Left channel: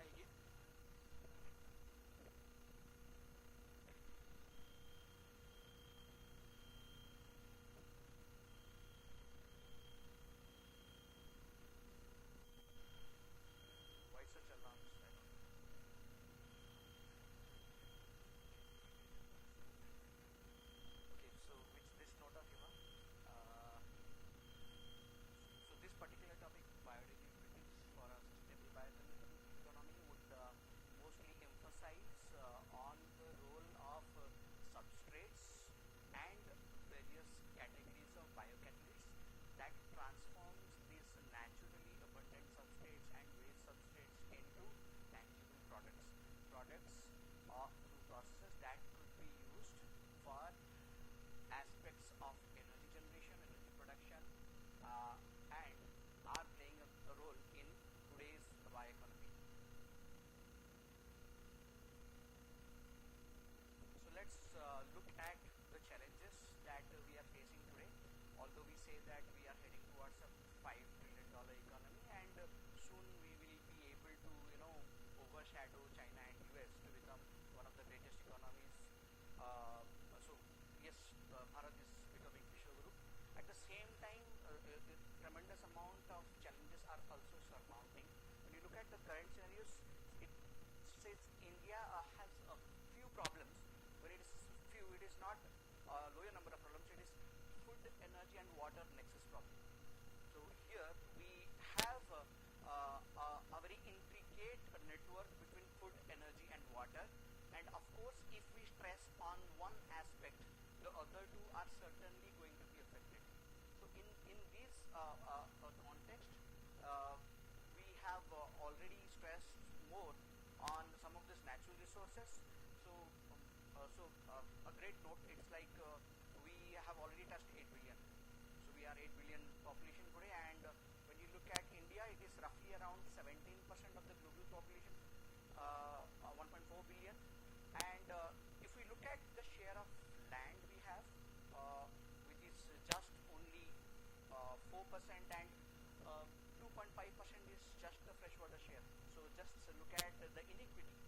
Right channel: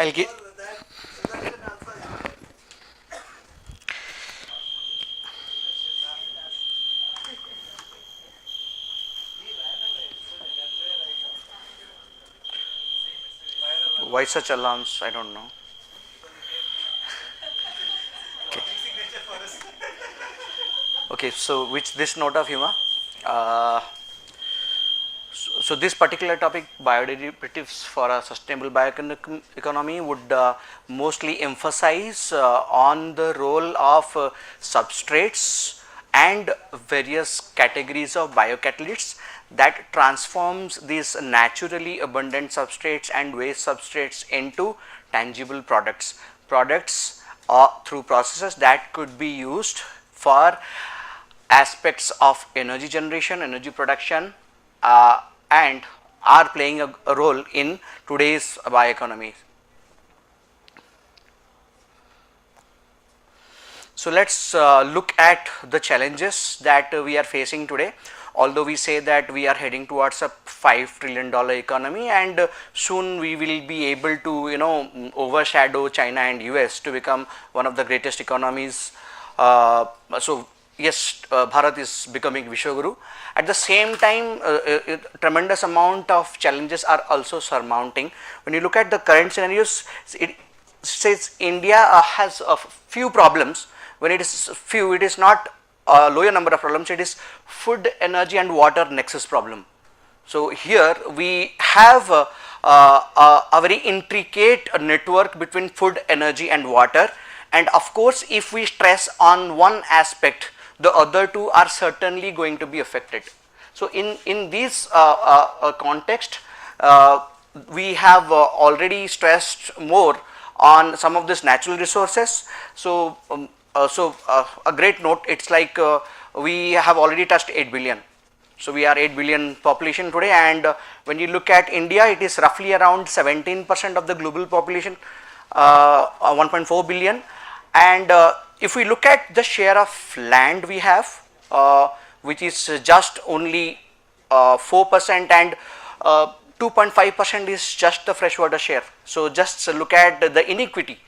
Algae. Why such alarms? I don't know. Okay. Okay, so with this note of humor, uh, so this particular topic, bioderivatives for a sustainable bioeconomy, would mostly emphasize on the role of substrates and various categories of biocatalysts that transforms these naturally abundant substrates and waste substrates into tangible products through processes that could be used for aspects of energy generation, energy production, and are playing a role in today's bioeconomy. So let us look at the challenges that we are facing today. Although we say that we are heading towards a $5 trillion economy, and soon we will be able to overshadow China and US to become one of the greatest economies. So yes, Bharat is becoming Vishwaguru. At the same time, tremendous amount of challenges are also surmounting. When you look at the current scenarios, it says India has a few problems. When it is few, it is not a lower number of problems, it is food, energy and water nexus problem. So here we have a very intricate network between food, energy and water, and of course if we stress on one aspect, the other two are certainly going to be affected. So in this context, we have already stressed more on some of these natural resources. So a great note, it's like we have already touched 8 billion. So we are 8 billion population today, and when you look at India, it is roughly around 17% of the global population, 1.4 billion. And if we look at the share of land we have, which is just only 4%, and 2.5% is just the freshwater share. So just look at the inequity,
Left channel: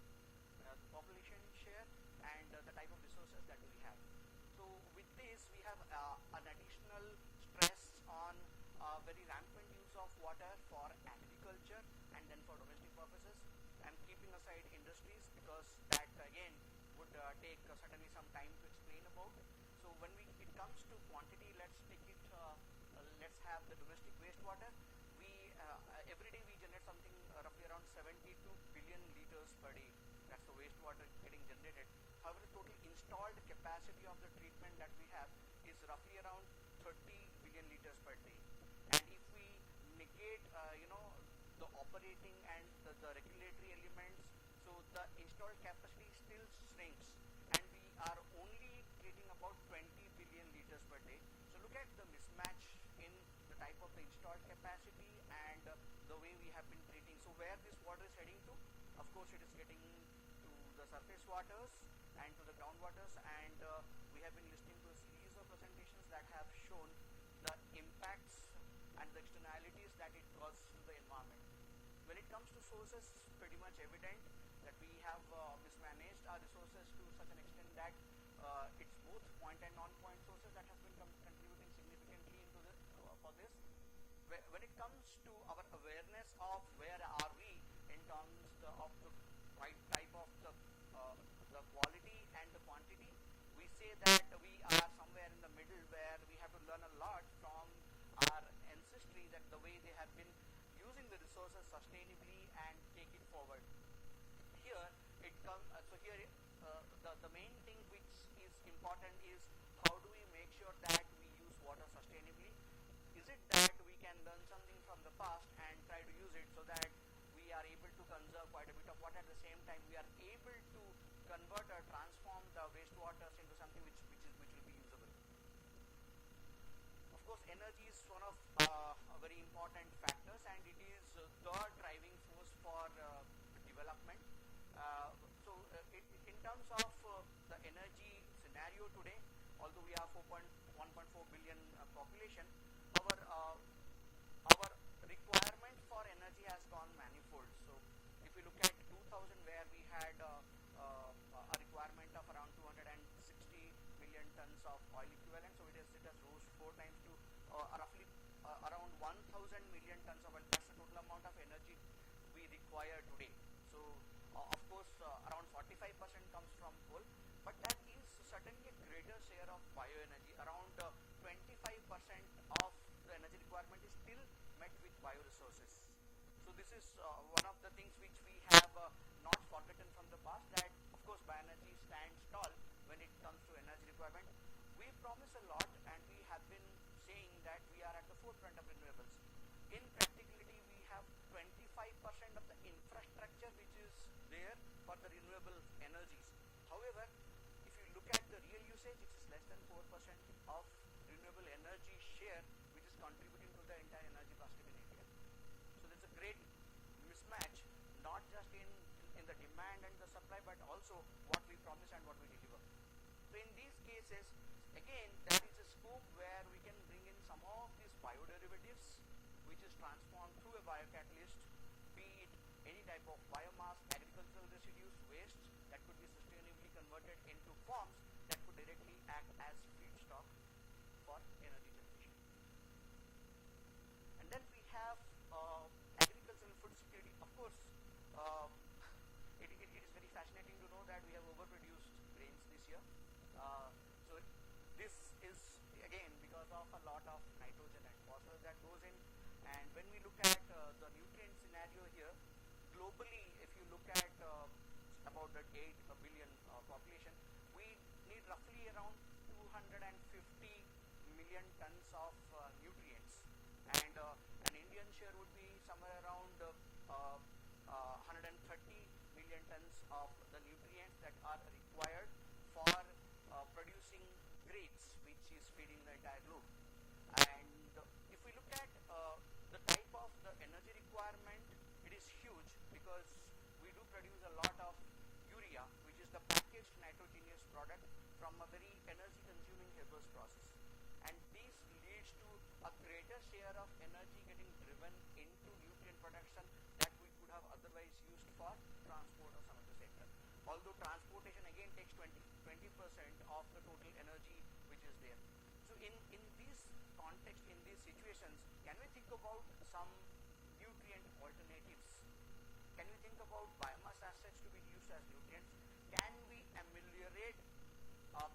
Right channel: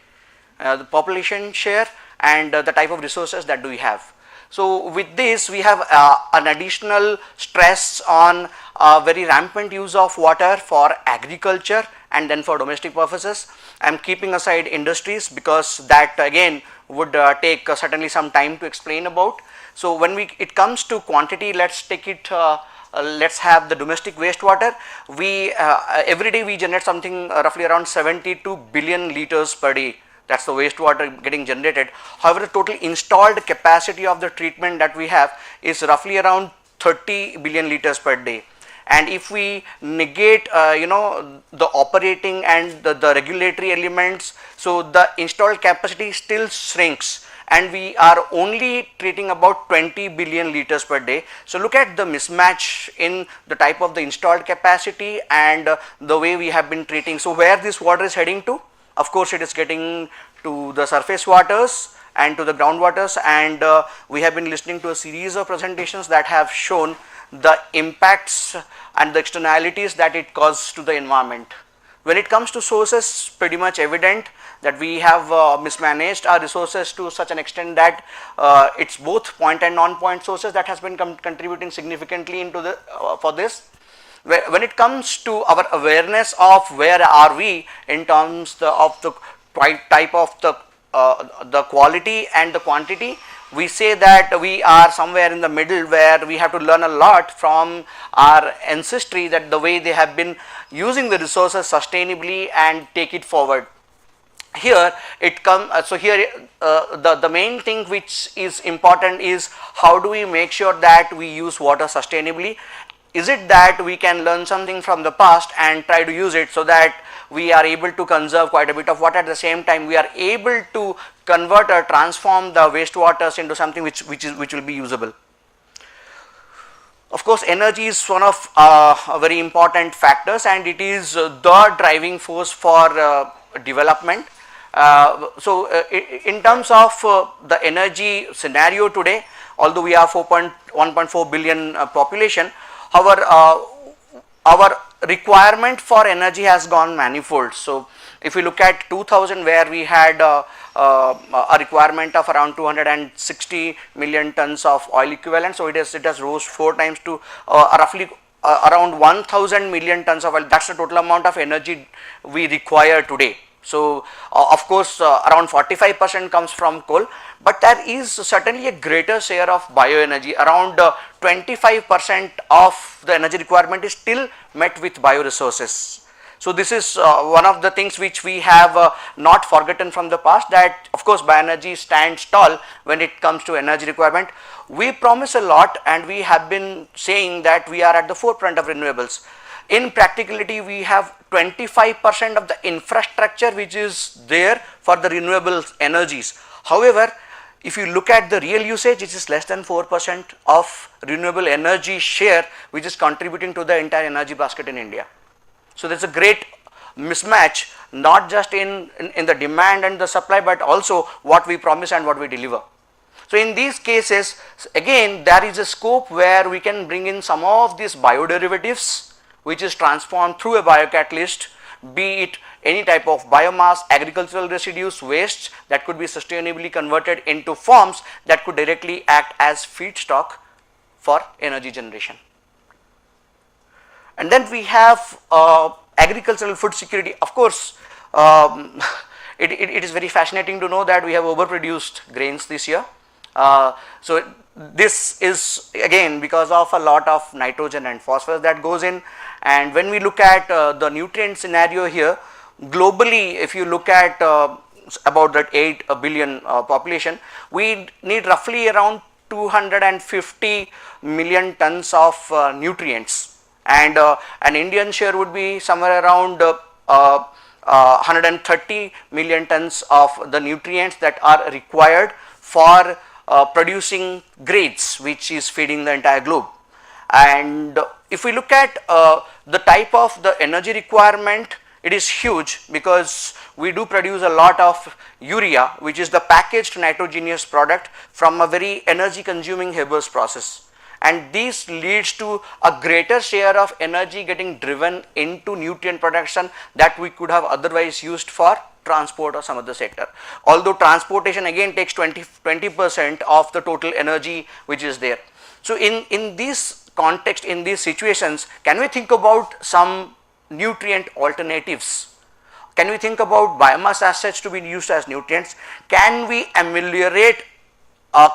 the population share and the type of resources that we have. So with this we have an additional stress on very rampant use of water for agriculture and then for domestic purposes. I am keeping aside industries because that again would take certainly some time to explain about. So when it comes to quantity, let's take it, let's have the domestic wastewater. We every day we generate something roughly around 72 billion liters per day. That's the wastewater getting generated. However, the total installed capacity of the treatment that we have is roughly around 30 billion liters per day. And if we negate the operating and the regulatory elements, so the installed capacity still shrinks, and we are only treating about 20 billion liters per day. So look at the mismatch in the type of the installed capacity and the way we have been treating. So where this water is heading to? Of course, it is getting to the surface waters and to the groundwaters, and we have been listening to a series of presentations that have shown the impacts and the externalities that it causes to the environment. When it comes to sources, pretty much evident that we have mismanaged our resources to such an extent that it's both point and non-point sources that has been contributing significantly into the for this. When it comes to our awareness of where are we in terms of the type of the quality and the quantity, we say that we are somewhere in the middle, where we have to learn a lot from our ancestry, that the way they have been using the resources sustainably and take it forward. Here it comes, so here the main thing which is important is how do we make sure that we use water sustainably. Is it that we can learn something from the past and try to use it so that we are able to conserve quite a bit of water, at the same time we are able to convert or transform the wastewaters into something which will be usable. Of course, energy is one of very important factors, and it is the driving force for development. In terms of the energy scenario today, although we are 1.4 billion population, however, our requirement for energy has gone manifold. So if we look at 2000, where we had a requirement of around 260 million tons of oil equivalent, so it has rose 4 times to roughly around 1000 million tons of oil. That's the total amount of energy we require today. So of course around 45% comes from coal, but there is certainly a greater share of bioenergy. Around 25% of the energy requirement is still met with bioresources. So this is one of the things which we have not forgotten from the past, that of course bioenergy stands tall when it comes to energy requirement. We promise a lot, and we have been saying that we are at the forefront of renewables. In practicality, we have 25% of the infrastructure which is there for the renewable energies. However, if you look at the real usage, it is less than 4% of renewable energy share which is contributing to the entire energy basket in India. So there is a great mismatch, not just in the demand and the supply, but also what we promise and what we deliver. So in these cases, again, there is a scope where we can bring in some of these bioderivatives which is transformed through a biocatalyst, be it any type of biomass, agricultural residues, waste, that could be sustainably converted into forms that could directly act as feedstock for energy generation. And then we have agricultural food security. Of course, it is very fascinating to know that we have overproduced grains this year. So this is again because of a lot of nitrogen and phosphorus that goes in. And when we look at the nutrient scenario here, globally, if you look at about that 8 billion population, we need roughly around 250 million tons of nutrients, and an Indian share would be somewhere around 130 million tons of the nutrients that are required for producing grades, which is feeding the entire globe. And if we look at the type of the energy requirement, it is huge, because we do produce a lot of urea, which is the packaged nitrogenous product from a very energy consuming Haber's process, and this leads to a greater share of energy getting driven into nutrient production that we could have otherwise used for transport or some other sector. Although transportation again takes 20% of the total energy which is there. So in this context, in these situations, can we think about some nutrient alternatives? Can we think about biomass assets to be used as nutrients? Can we ameliorate,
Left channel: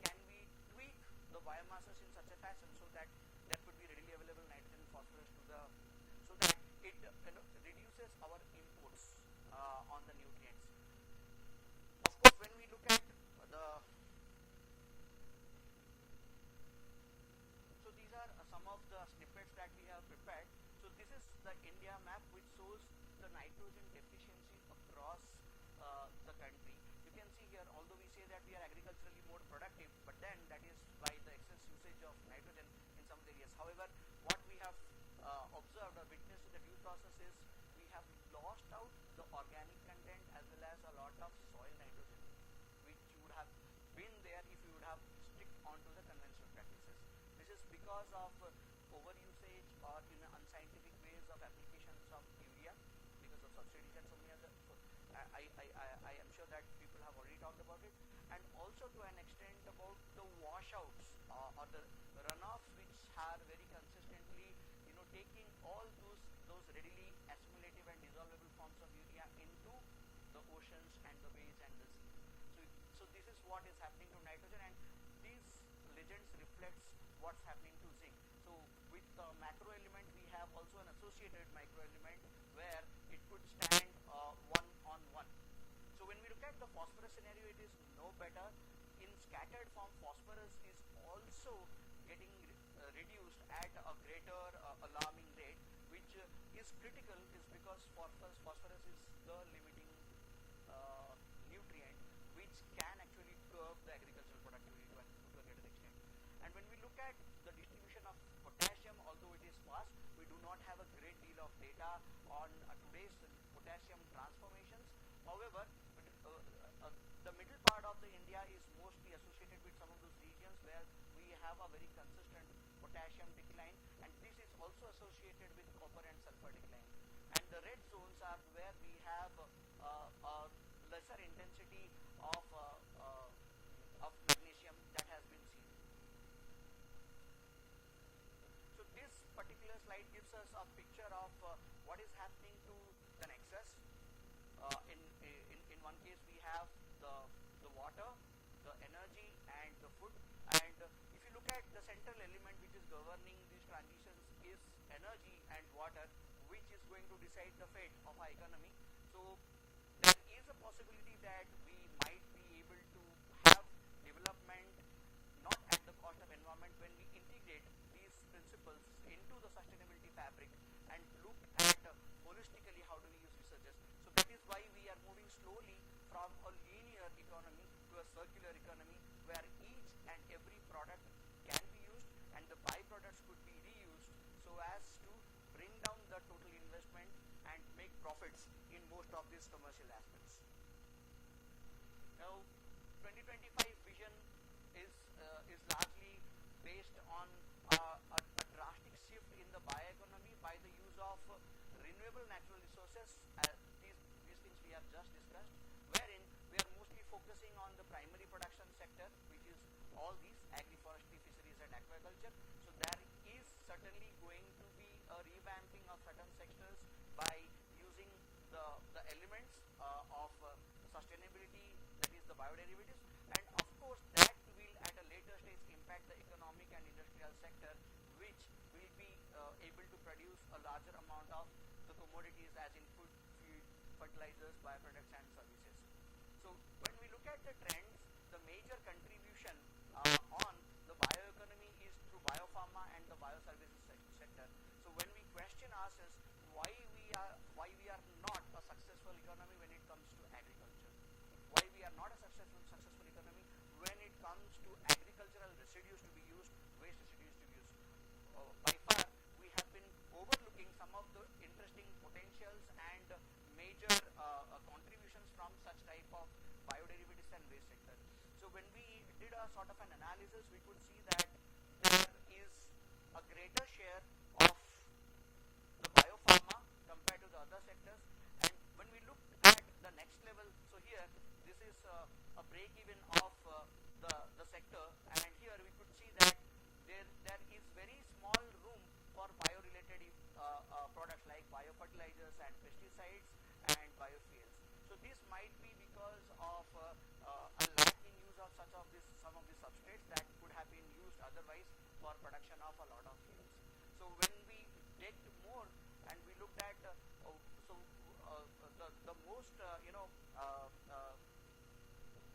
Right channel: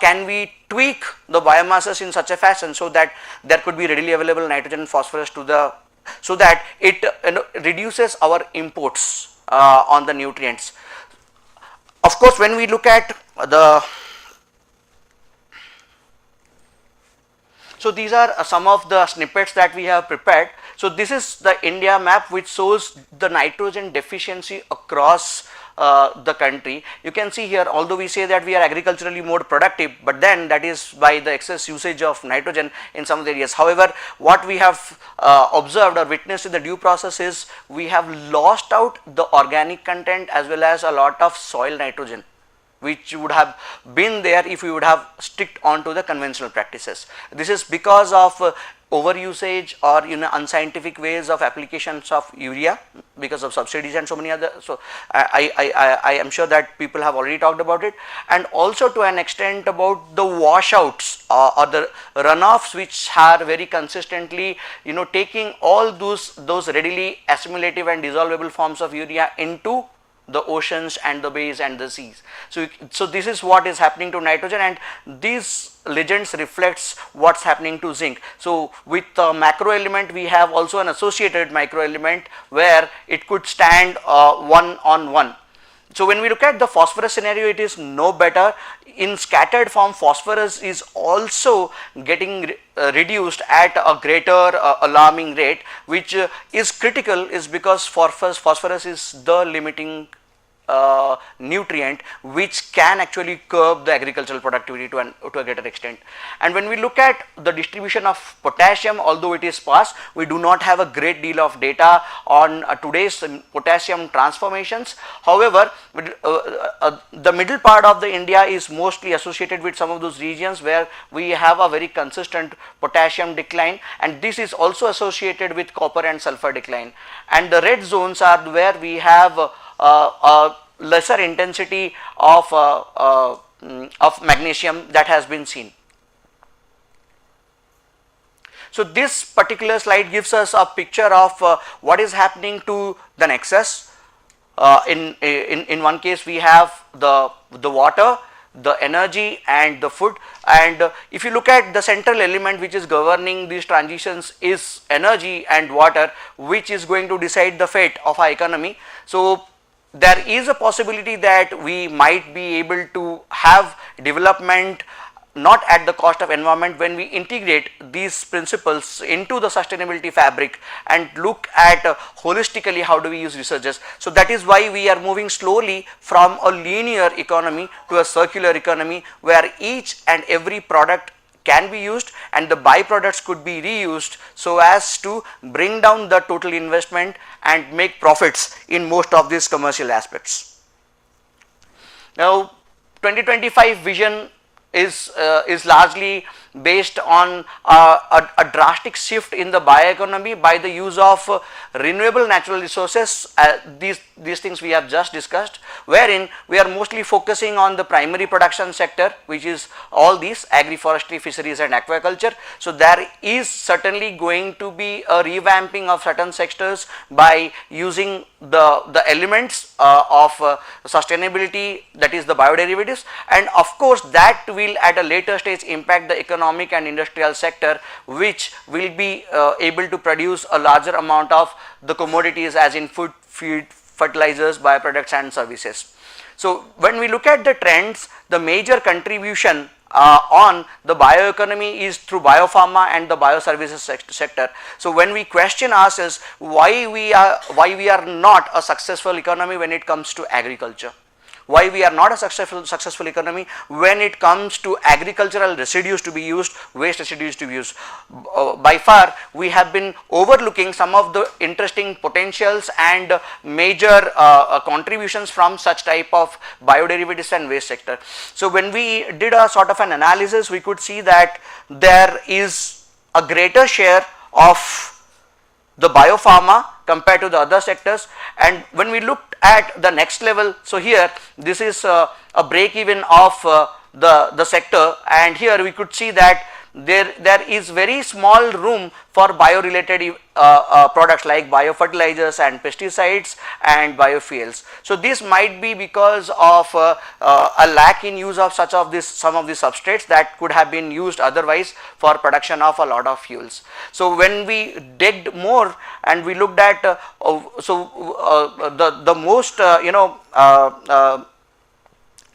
can we tweak the biomasses in such a fashion so that there could be readily available nitrogen and phosphorus to the, so that it reduces our imports on the nutrients? Of course, when we look at the, so these are some of the snippets that we have prepared. So this is the India map which shows the nitrogen deficiency across the country. You can see here, although we say that we are agriculturally more productive, but then that is by the excess usage of nitrogen in some of the areas. However, what we have observed or witnessed in the due process is we have lost out the organic content as well as a lot of soil nitrogen, which would have been there if we would have sticked on to the conventional practices. This is because of over usage or unscientific ways of applications of urea because of subsidies and so many other. So I am sure that people have already talked about it, and also to an extent about the washouts or the runoffs which are very consistently taking all those readily assimilative and dissolvable forms of urea into the oceans and the bays and the seas. So this is what is happening to nitrogen, and these legends reflects what's happening to zinc. So with the macro element, we have also an associated micro element where it could stand one on one. So when we look at the phosphorus scenario, it is no better. In scattered form, phosphorus is also getting reduced at a greater alarming rate, which is critical, is because phosphorus is the limiting nutrient which can actually curb the agricultural productivity to a greater extent. And when we look at the distribution of potassium, although it is sparse, we do not have a great deal of data on today's potassium transformations. However, the middle part of the India is mostly associated with some of those regions where we have a very consistent potassium decline, and this is also associated with copper and sulfur decline. And the red zones are where we have a lesser intensity of magnesium that has been seen. So this particular slide gives us a picture of what is happening to the nexus. In one case we have the water, the energy and the food, and if you look at the central element which is governing these transitions is energy and water, which is going to decide the fate of our economy. So there is a possibility that we might be able to have development not at the cost of environment when we integrate these principles into the sustainability fabric and look at holistically how do we use researches. So that is why we are moving slowly from a linear economy to a circular economy where each and every product can be used and the byproducts could be reused so as to bring down the total investment and make profits in most of these commercial aspects. Now 2025 vision is largely based on a drastic shift in the bioeconomy by the use of renewable natural resources, these things we have just discussed, wherein we are mostly focusing on the primary production sector, which is all these agroforestry, fisheries and aquaculture. So there is certainly going to be a revamping of certain sectors by using the elements of sustainability, that is the bioderivatives, and of course that will at a later stage impact the economic and industrial sector, which will be able to produce a larger amount of the commodities as in food, feed, fertilizers, bioproducts and services. So when we look at the trends, the major contribution on the bioeconomy is through biopharma and the bioservices sector. So when we question ourselves why we are not a successful economy when it comes to agriculture, why we are not a successful economy when it comes to agricultural residues to be used, waste residues to be used. By far we have been overlooking some of the interesting potentials and major contributions from such type of bioderivatives and waste sector. So when we did a sort of an analysis, we could see that there is a greater share of the biopharma compared to the other sectors. And when we looked at the next level, so here this is a break even of the sector, and here we could see that there is very small room for bio-related products like biofertilizers and pesticides and biofuels. So this might be because of a lack in use of some of these substrates that could have been used otherwise for production of a lot of fuels. So when we digged more and we looked at the most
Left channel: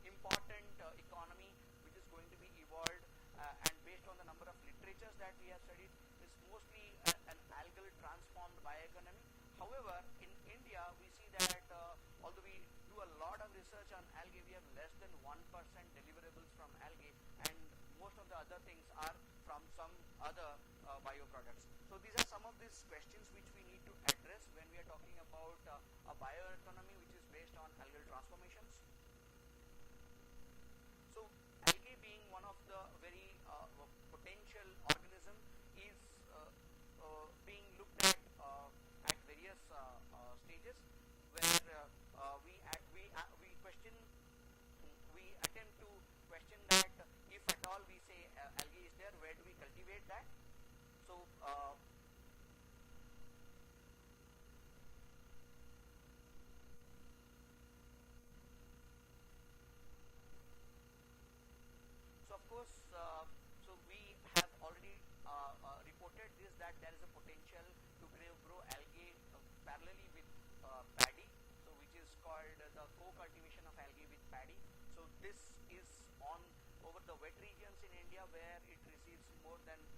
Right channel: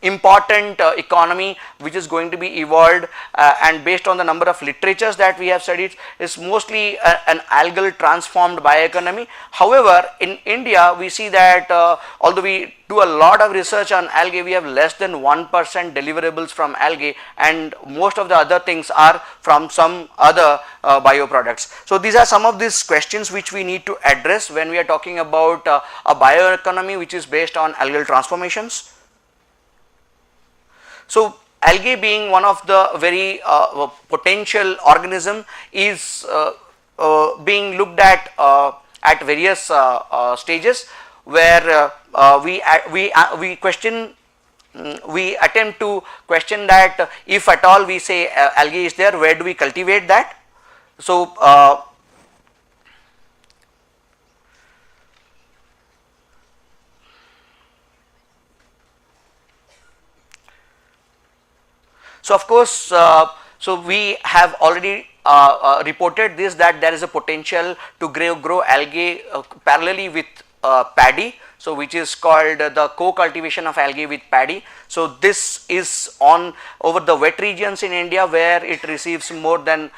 important economy which is going to be evolved and based on the number of literatures that we have studied is mostly an algal transformed bioeconomy. However, in India we see that although we do a lot of research on algae, we have less than 1% deliverables from algae, and most of the other things are from some other bioproducts. So these are some of these questions which we need to address when we are talking about a bioeconomy which is based on algal transformations. So algae being one of the very potential organism is being looked at various stages where we attempt to question that if at all we say algae is there, where do we cultivate that? So so of course, so we have already reported this, that there is a potential to grow algae parallelly with paddy, so which is called the co-cultivation of algae with paddy. So this is on over the wet regions in India where it receives more than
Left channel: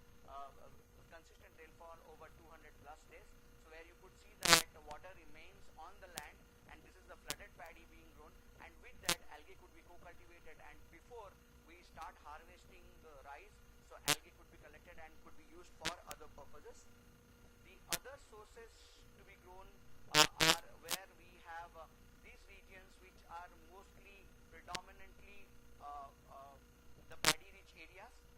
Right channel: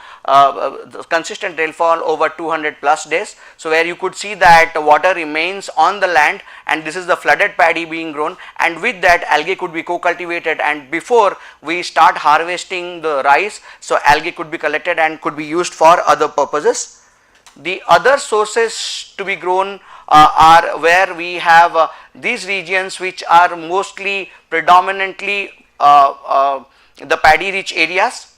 consistent rainfall over 200 plus days. So where you could see that water remains on the land and this is the flooded paddy being grown, and with that algae could be co-cultivated, and before we start harvesting the rice, so algae could be collected and could be used for other purposes. The other sources to be grown are where we have these regions which are mostly predominantly the paddy rich areas.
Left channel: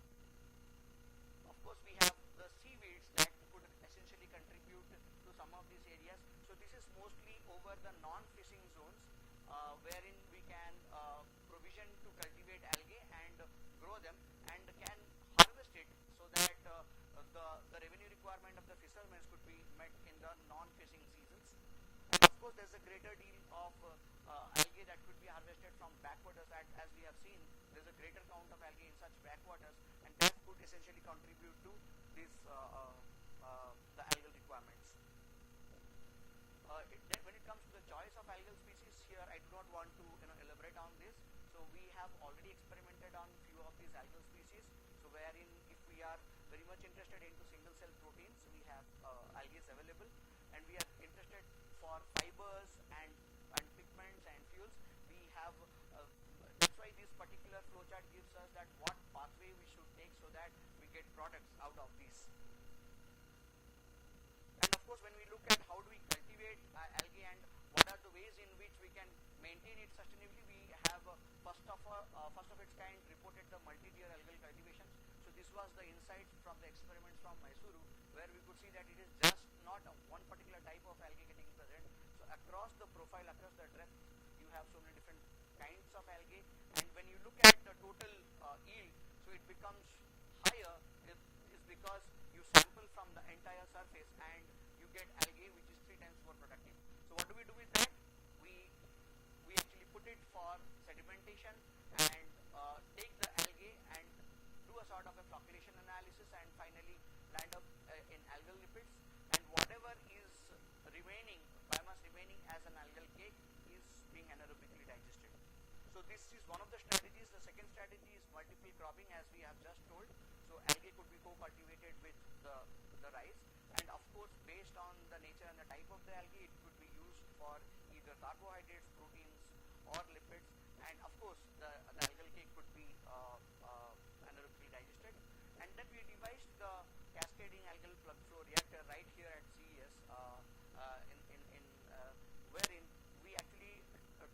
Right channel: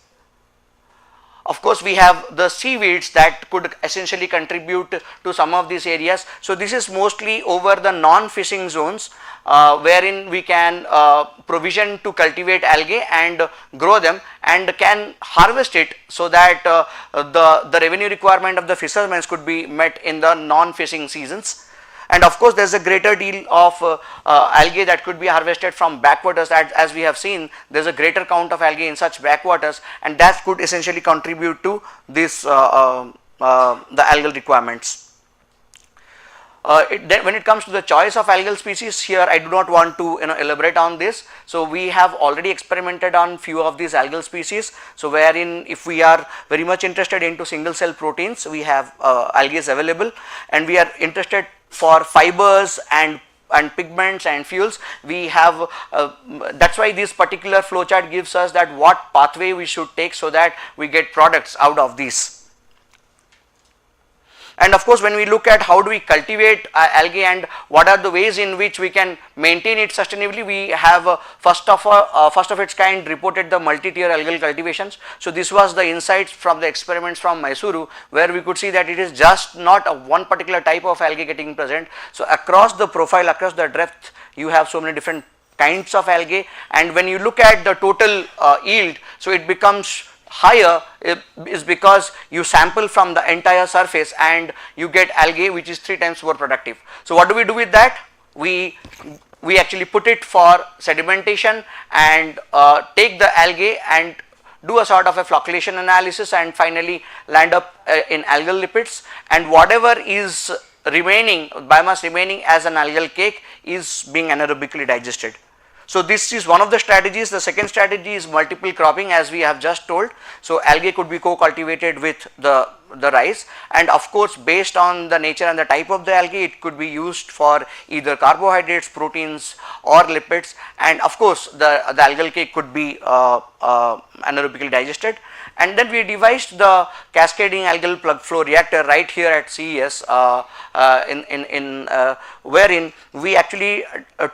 Of course, we have the seaweeds that could essentially contribute to some of these areas. So, this is mostly over the non-fishing zones wherein we can provision to cultivate algae and grow them and can harvest it, so that the revenue requirement of the fishermen could be met in the non-fishing seasons. And of course, there is a greater deal of algae that could be harvested from backwaters, as we have seen there is a greater count of algae in such backwaters, and that could essentially contribute to this the algal requirements. When it comes to the choice of algal species, here I do not want to elaborate on this. So, we have already experimented on few of these algal species. So, wherein if we are very much interested into single cell proteins, we have algae available, and we are interested for fibers and pigments and fuels, we have that is why this particular flow chart gives us that what pathway we should take, so that we get products out of these. And of course, when we look at how do we cultivate algae and what are the ways in which we can maintain it sustainably, we have first of its kind reported the multi-tier algal cultivations. So, this was the insights from the experiments from Mysuru, where we could see that it is just not a one particular type of algae getting present. So, across the profile, across the depth, you have so many different kinds of algae, and when you look at the total yield, so it becomes higher is because you sample from the entire surface and you get algae which is 3 times more productive. So, what do we do with that? We actually put it for sedimentation and take the algae and do a sort of a flocculation analysis and finally land up in algal lipids, and whatever is remaining, biomass remaining as an algal cake, is being anaerobically digested. So, this is one of the strategies. The second strategy is multiple cropping, as we have just told. So, algae could be co-cultivated with the rice, and of course, based on the nature and the type of the algae, it could be used for either carbohydrates, proteins or lipids, and of course, the algal cake could be anaerobically digested. And then we devised the cascading algal plug flow reactor right here at CES, wherein we actually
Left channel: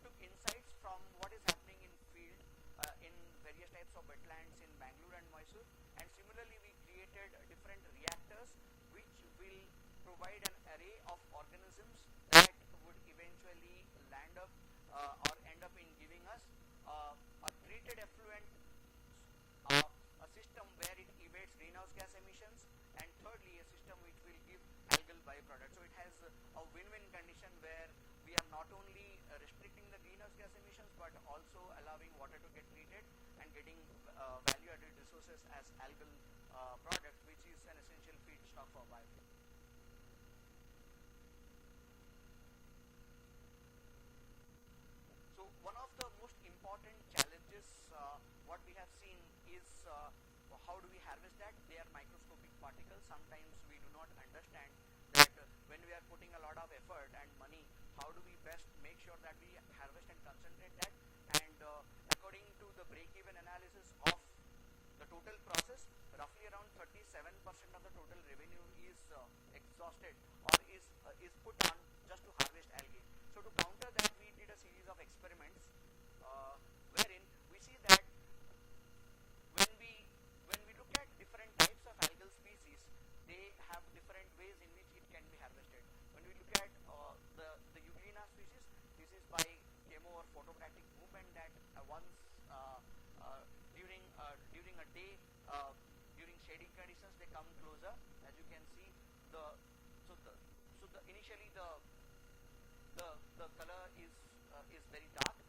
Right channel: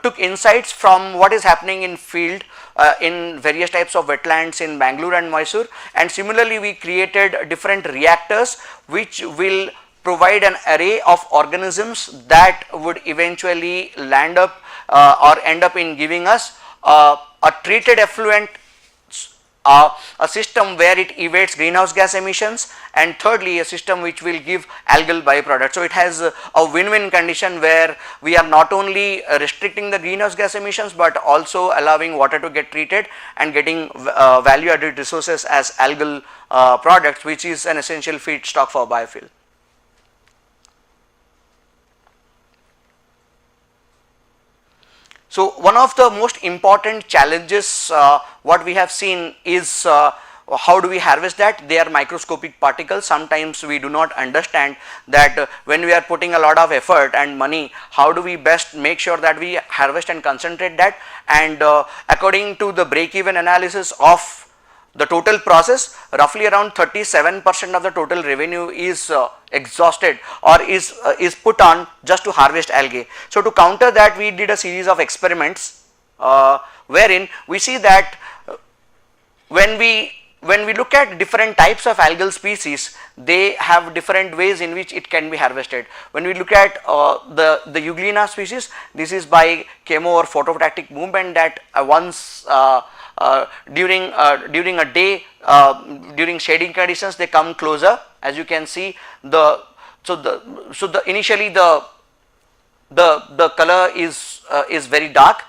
took insights from what is happening in field in various types of wetlands in Bangalore and Mysore, and similarly we created different reactors which will provide an array of organisms that would eventually land up or end up in giving us a treated effluent, a system where it evades greenhouse gas emissions, and thirdly a system which will give algal byproducts. So, it has a win-win condition where we are not only restricting the greenhouse gas emissions, but also allowing water to get treated and getting value added resources as algal products, which is an essential feedstock for biofuel. So, one of the most important challenges what we have seen is how do we harvest that? They are microscopic particles. Sometimes we do not understand that when we are putting a lot of effort and money, how do we best make sure that we harvest and concentrate that, and according to the break even analysis of the total process, roughly around 37% of the total revenue is exhausted or is put on just to harvest algae. So, to counter that, we did a series of experiments wherein we see that when we look at different types of algal species, they have different ways in which it can be harvested. When we look at the Euglena species, this is by chemo or phototactic movement that once during a day, during shading conditions, they come closer. As you can see, initially the color is very dark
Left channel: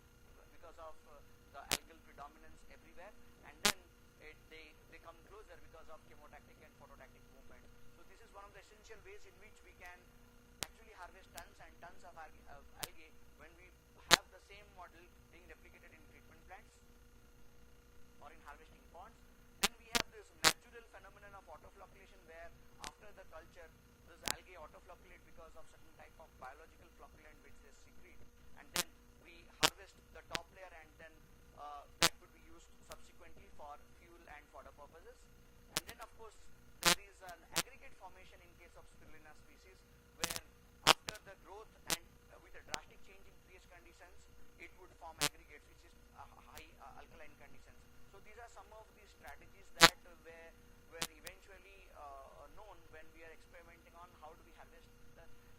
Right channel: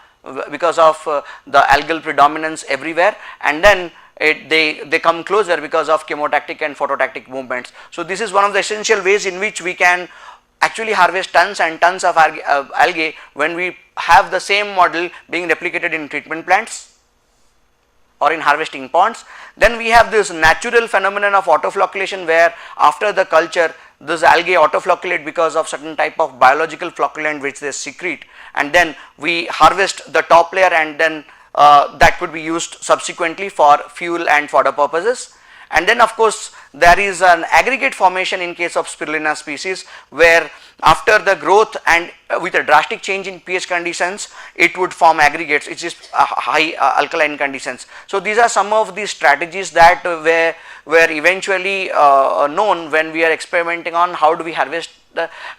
because of the algal predominance everywhere, and then they come closer because of chemotactic and phototactic movements. So, this is one of the essential ways in which we can actually harvest tons and tons of algae when we have the same model being replicated in treatment plants or in harvesting ponds. Then we have this natural phenomenon of autoflocculation, where after the culture this algae autoflocculate because of certain type of biological flocculant which they secrete, and then we harvest the top layer, and then that could be used subsequently for fuel and fodder purposes. And then of course there is an aggregate formation in case of spirulina species, where after the growth and with a drastic change in pH conditions, it would form aggregates, which is high alkaline conditions. So these are some of the strategies that were eventually known when we are experimenting on how do we harvest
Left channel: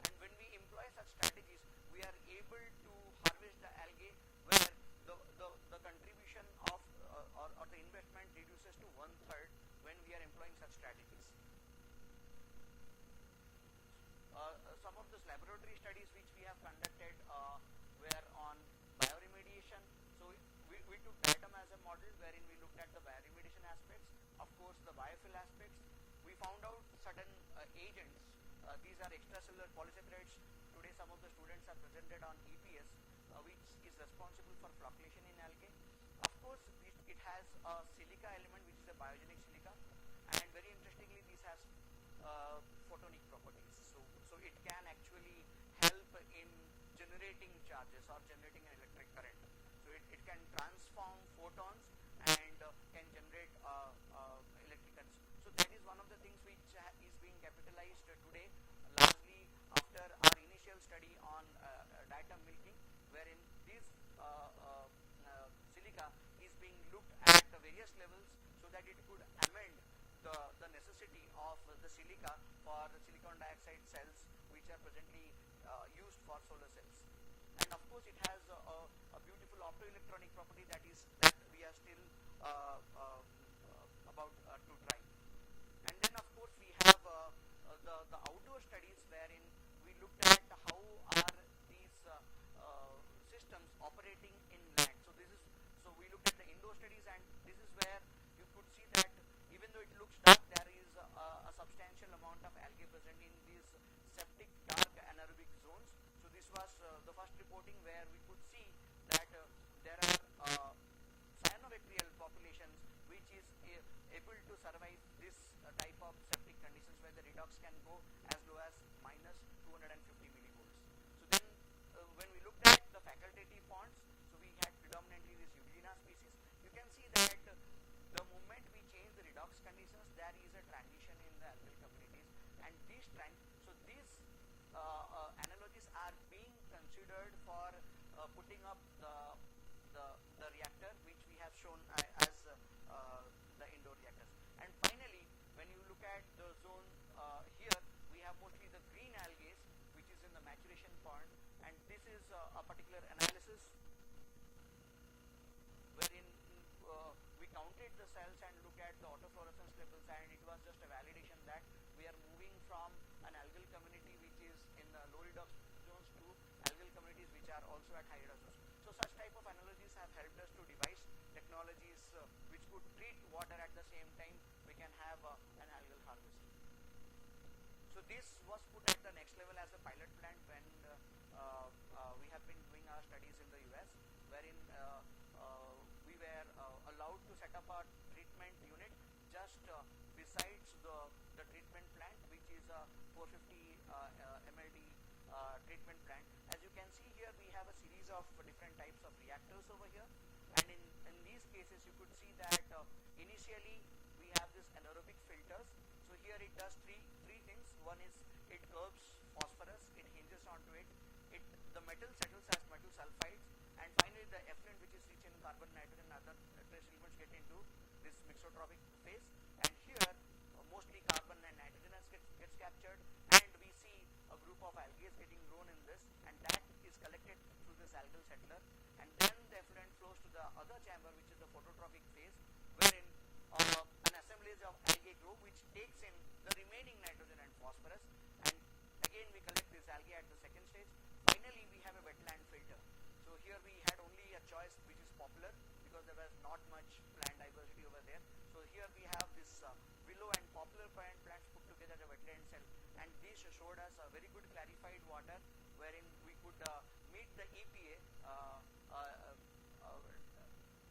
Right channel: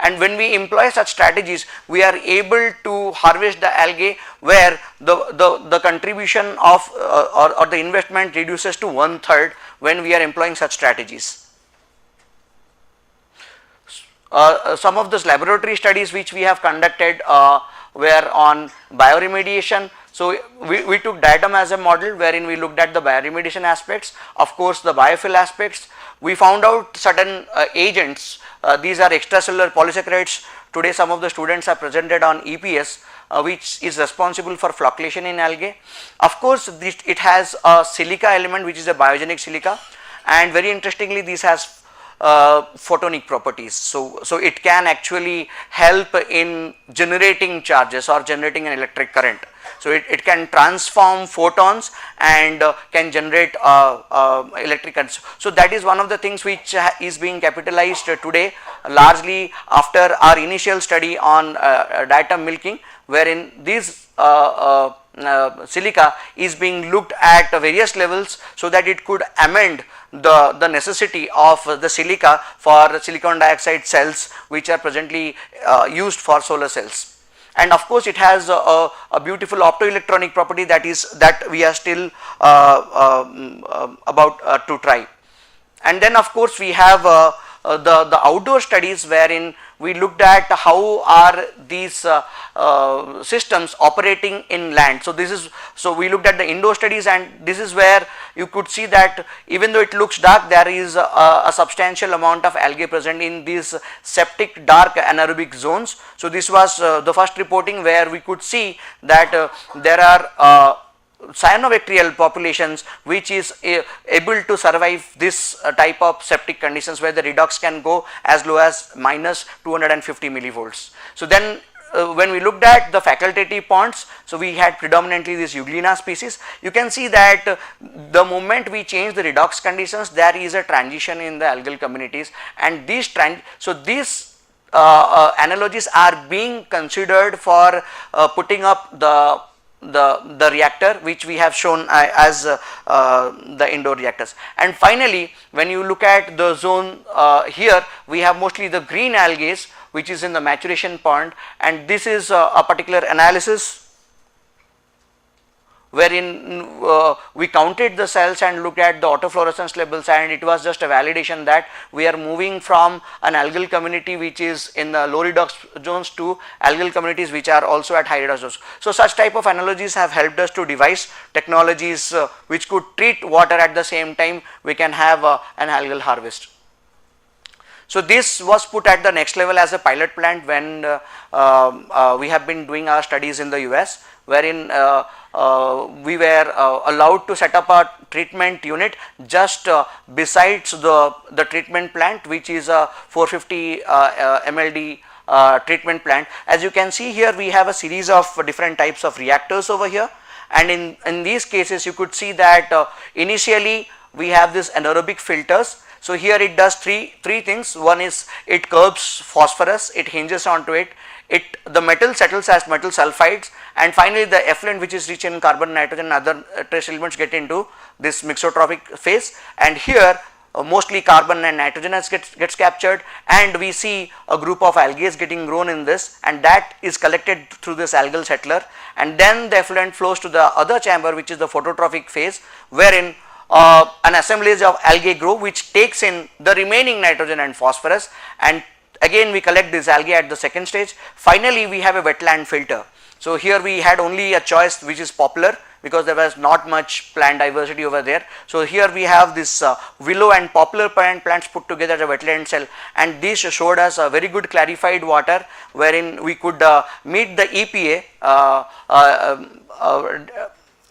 and when we employ such strategies, we are able to harvest the algae where the contribution of or the investment reduces to 1/3 when we are employing such strategies. Some of those laboratory studies which we have conducted were on bioremediation. So we took diatom as a model wherein we looked at the bioremediation aspects, of course the biofill aspects. We found out certain agents, these are extracellular polysaccharides. Today some of the students are presented on EPS, which is responsible for flocculation in algae. Of course it has a silica element which is a biogenic silica, and very interestingly this has photonic properties. So it can actually help in generating charges or generating an electric current. So it can transform photons and can generate electric currents. So that is one of the things which is being capitalized today, largely after our initial study on diatom milking, wherein this silica is being looked at various levels so that it could amend the necessity of the silica for silicon dioxide cells which are presently used for solar cells. And of course it has a beautiful optoelectronic property that we are still about to try. And then of course we have the outdoor studies wherein we looked at how are these systems operating in land. So we looked at the indoor studies, and this is where you could see that even though it looks dark, there is a substantial amount of algae present in these septic dark anaerobic zones. So this was the first reporting where we could see that there are cyanobacterial populations which is able to survive this type of septic conditions where the redox can go as low as minus 250 millivolts. So then when we looked at the facultative ponds, so we had predominantly this Euglena species. You can see that the moment we change the redox conditions, there is a transition in the algal communities, and these analogies are being considered for putting up the reactor which we have shown as the indoor reactors. And finally when you look at the zone here, we have mostly the green algae which is in the maturation pond, and this is a particular analysis wherein we counted the cells and looked at the autofluorescence levels, and it was just a validation that we are moving from an algal community which is in the low redox zones to algal communities which are also at high redox zones. So such type of analogies have helped us to devise technologies which could treat water at the same time we can have an algal harvest. So this was put at the next level as a pilot plant when we have been doing our studies in the US, wherein we were allowed to set up a treatment unit just besides the treatment plant, which is a 450 MLD treatment plant. As you can see here, we have a series of different types of reactors over here, and in these cases you could see that initially we have this anaerobic filters. So here it does three things. One is it curbs phosphorus, it hinges onto it, the metal settles as metal sulfides, and finally the effluent which is rich in carbon, nitrogen and other trace elements get into this mixotrophic phase, and here mostly carbon and nitrogen gets captured, and we see a group of algae getting grown in this, and that is collected through this algal settler, and then the effluent flows to the other chamber which is the phototrophic phase, wherein an assemblage of algae grow which takes in the remaining nitrogen and phosphorus, and again we collect this algae at the second stage. Finally we have a wetland filter. So here we had only a choice which is poplar because there was not much plant diversity over there. So here we have this willow and poplar plants put together as a wetland cell, and this showed us a very good clarified water wherein we could meet the EPA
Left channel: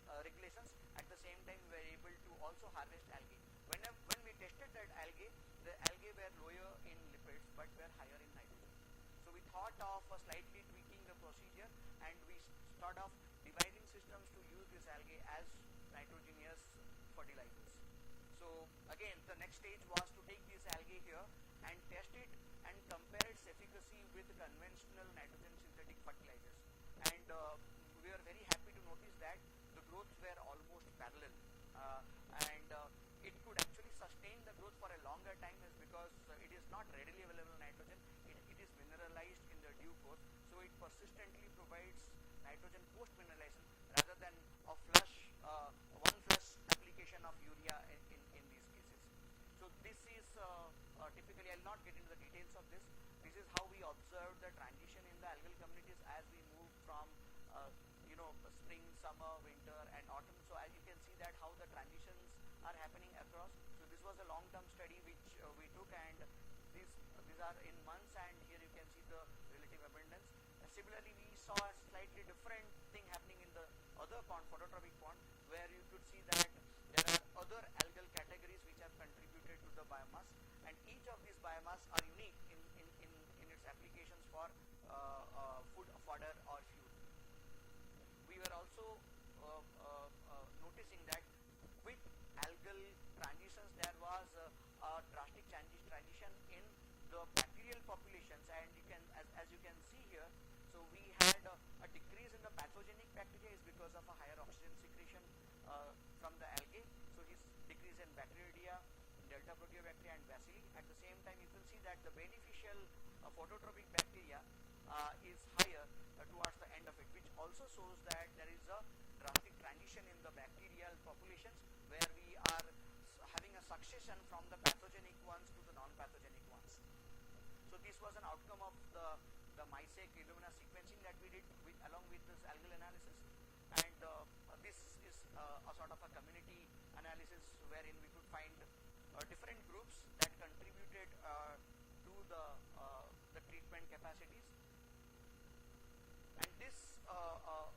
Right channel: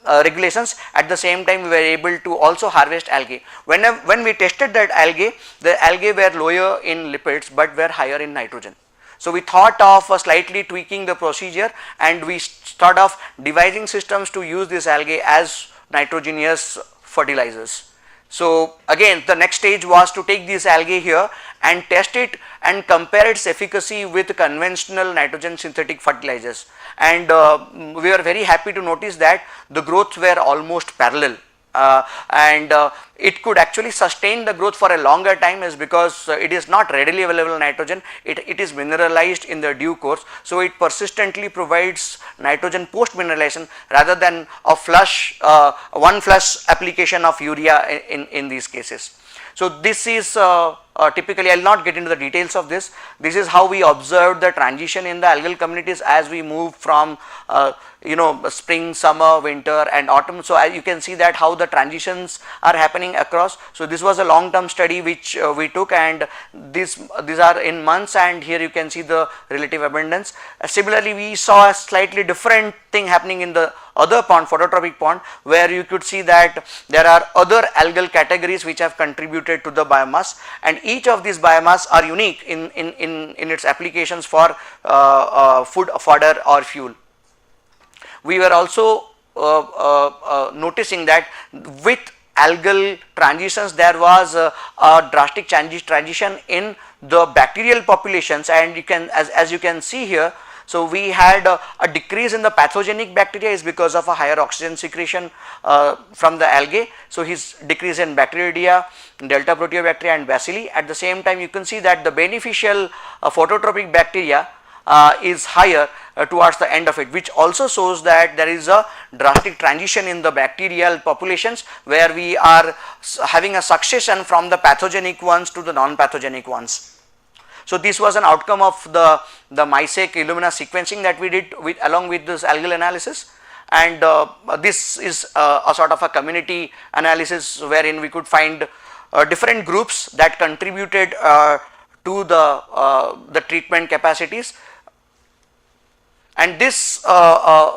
regulations. At the same time, we were able to also harvest algae. When we tested that algae, the algae were lower in lipids but were higher in nitrogen. So we thought of slightly tweaking the procedure, and we thought of devising systems to use this algae as nitrogenous fertilizers. So again, the next stage was to take this algae here and test it and compare its efficacy with conventional nitrogen synthetic fertilizers, and we were very happy to notice that the growths were almost parallel. It could actually sustain the growth for a longer time, is because it is not readily available nitrogen, it is mineralized in the due course. So it persistently provides nitrogen post mineralization rather than a flush one flush application of urea in these cases. So this is typically, I will not get into the details of this. This is how we observed the transition in the algal communities as we move from spring, summer, winter and autumn. So you can see that how the transitions are happening across. So this was a long term study which we took, and these are in months, and here you can see the relative abundance. Similarly, we saw a slightly different thing happening in the other pond, phototrophic pond, where you could see that there are other algal categories which have contributed to the biomass, and each of these biomass are unique in its applications for food, fodder or fuel. We were also noticing that with algal transitions there was a drastic transition in the bacterial populations, and you can as you can see here. So we had a decrease in the pathogenic bacteria is because of a higher oxygen secretion from the algae. So his decrease in Bacteroidea, Delta Proteobacteria and Bacilli. At the same time, you can see that the beneficial phototropic bacteria is higher towards the end of it, which also shows that there is a drastic transition in the bacterial populations, where we are having a succession from the pathogenic ones to the non-pathogenic ones. So this was an outcome of the MySeq Illumina sequencing that we did along with this algal analysis, and this is a sort of a community analysis wherein we could find different groups that contributed to the treatment capacities. And this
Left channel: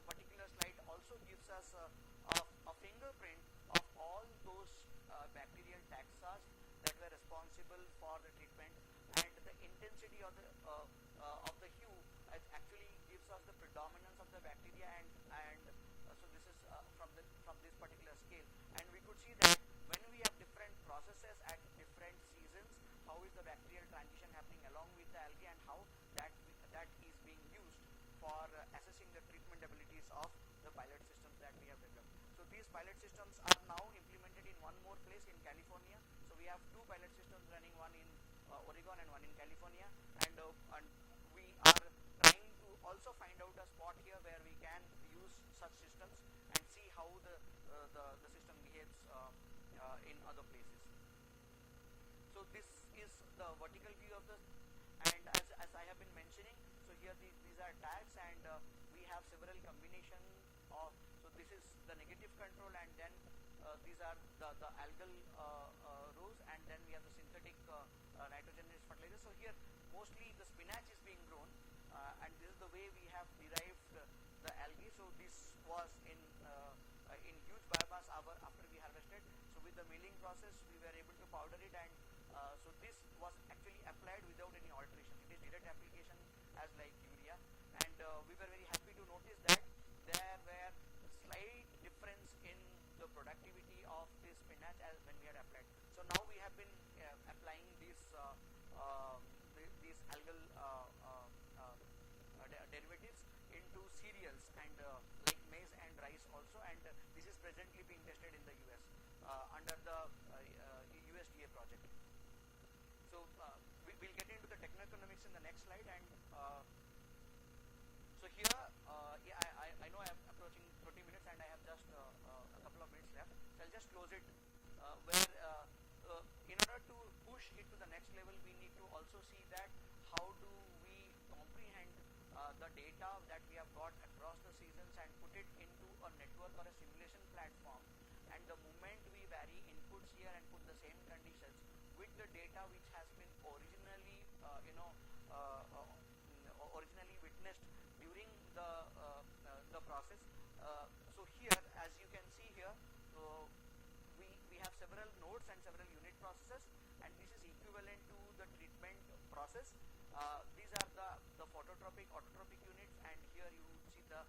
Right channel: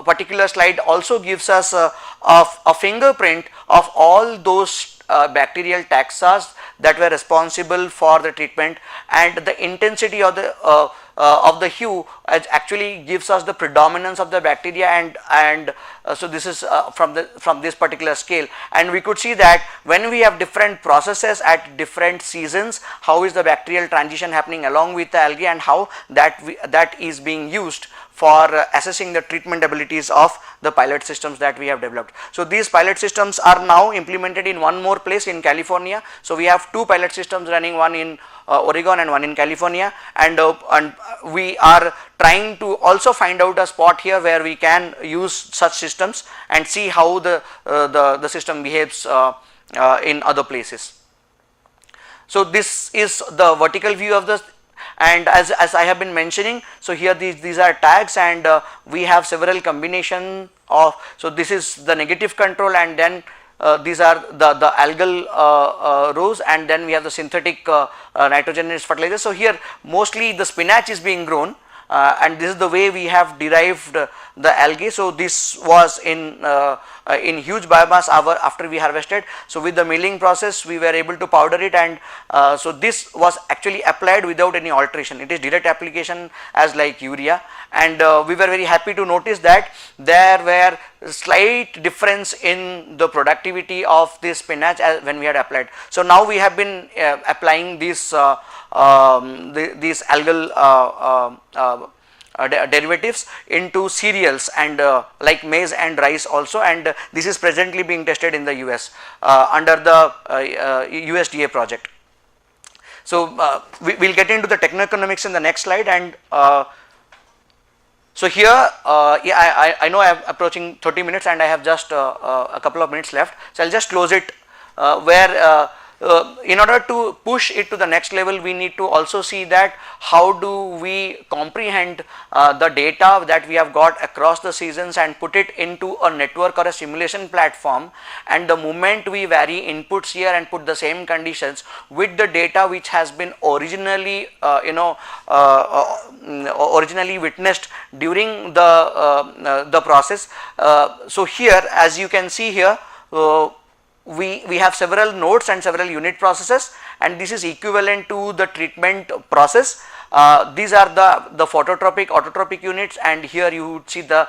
particular slide also gives us a fingerprint of all those bacterial taxa that were responsible for the treatment, and the intensity of the hue actually gives us the predominance of the bacteria, and so this is from this particular scale, and we could see that when we have different processes at different seasons, how is the bacterial transition happening along with the algae, and how that is being used for assessing the treatment abilities of the pilot systems that we have developed. So these pilot systems are now implemented in one more place in California. So we have two pilot systems running, one in Oregon and one in California, and we are trying to also find out a spot here where we can use such systems and see how the system behaves in other places. So this is the vertical view of this. And as I have been mentioning, so here these are tags, and we have several combination of, so this is the negative control, and then these are the algal rows, and then we have the synthetic nitrogenous fertilizer. So here mostly the spinach is being grown, and this is the way we have derived the algae. So this was in huge biomass after we harvested. So with the milling process we were able to powder it, and so this was actually applied without any alteration. It is direct application as like urea, and we were very happy to notice that there were slight difference in the productivity of this spinach when we had applied. So now we have been applying these algal derivatives into cereals and like maize and rice also, and this is presently being tested in the US under the USDA project. So we will get into the techno-economics in the next slide, and so here I know I am approaching 30 minutes and I have just a couple of minutes left, so I will just close it where in order to push it to the next level, we need to also see that how do we comprehend the data that we have got across the seasons and put it into a network or a simulation platform, and the moment we vary inputs here and put the same conditions with the data which has been originally originally witnessed during the process. So here, as you can see here, we have several nodes and several unit processes, and this is equivalent to the treatment process. These are the phototropic, autotropic units, and here you would see the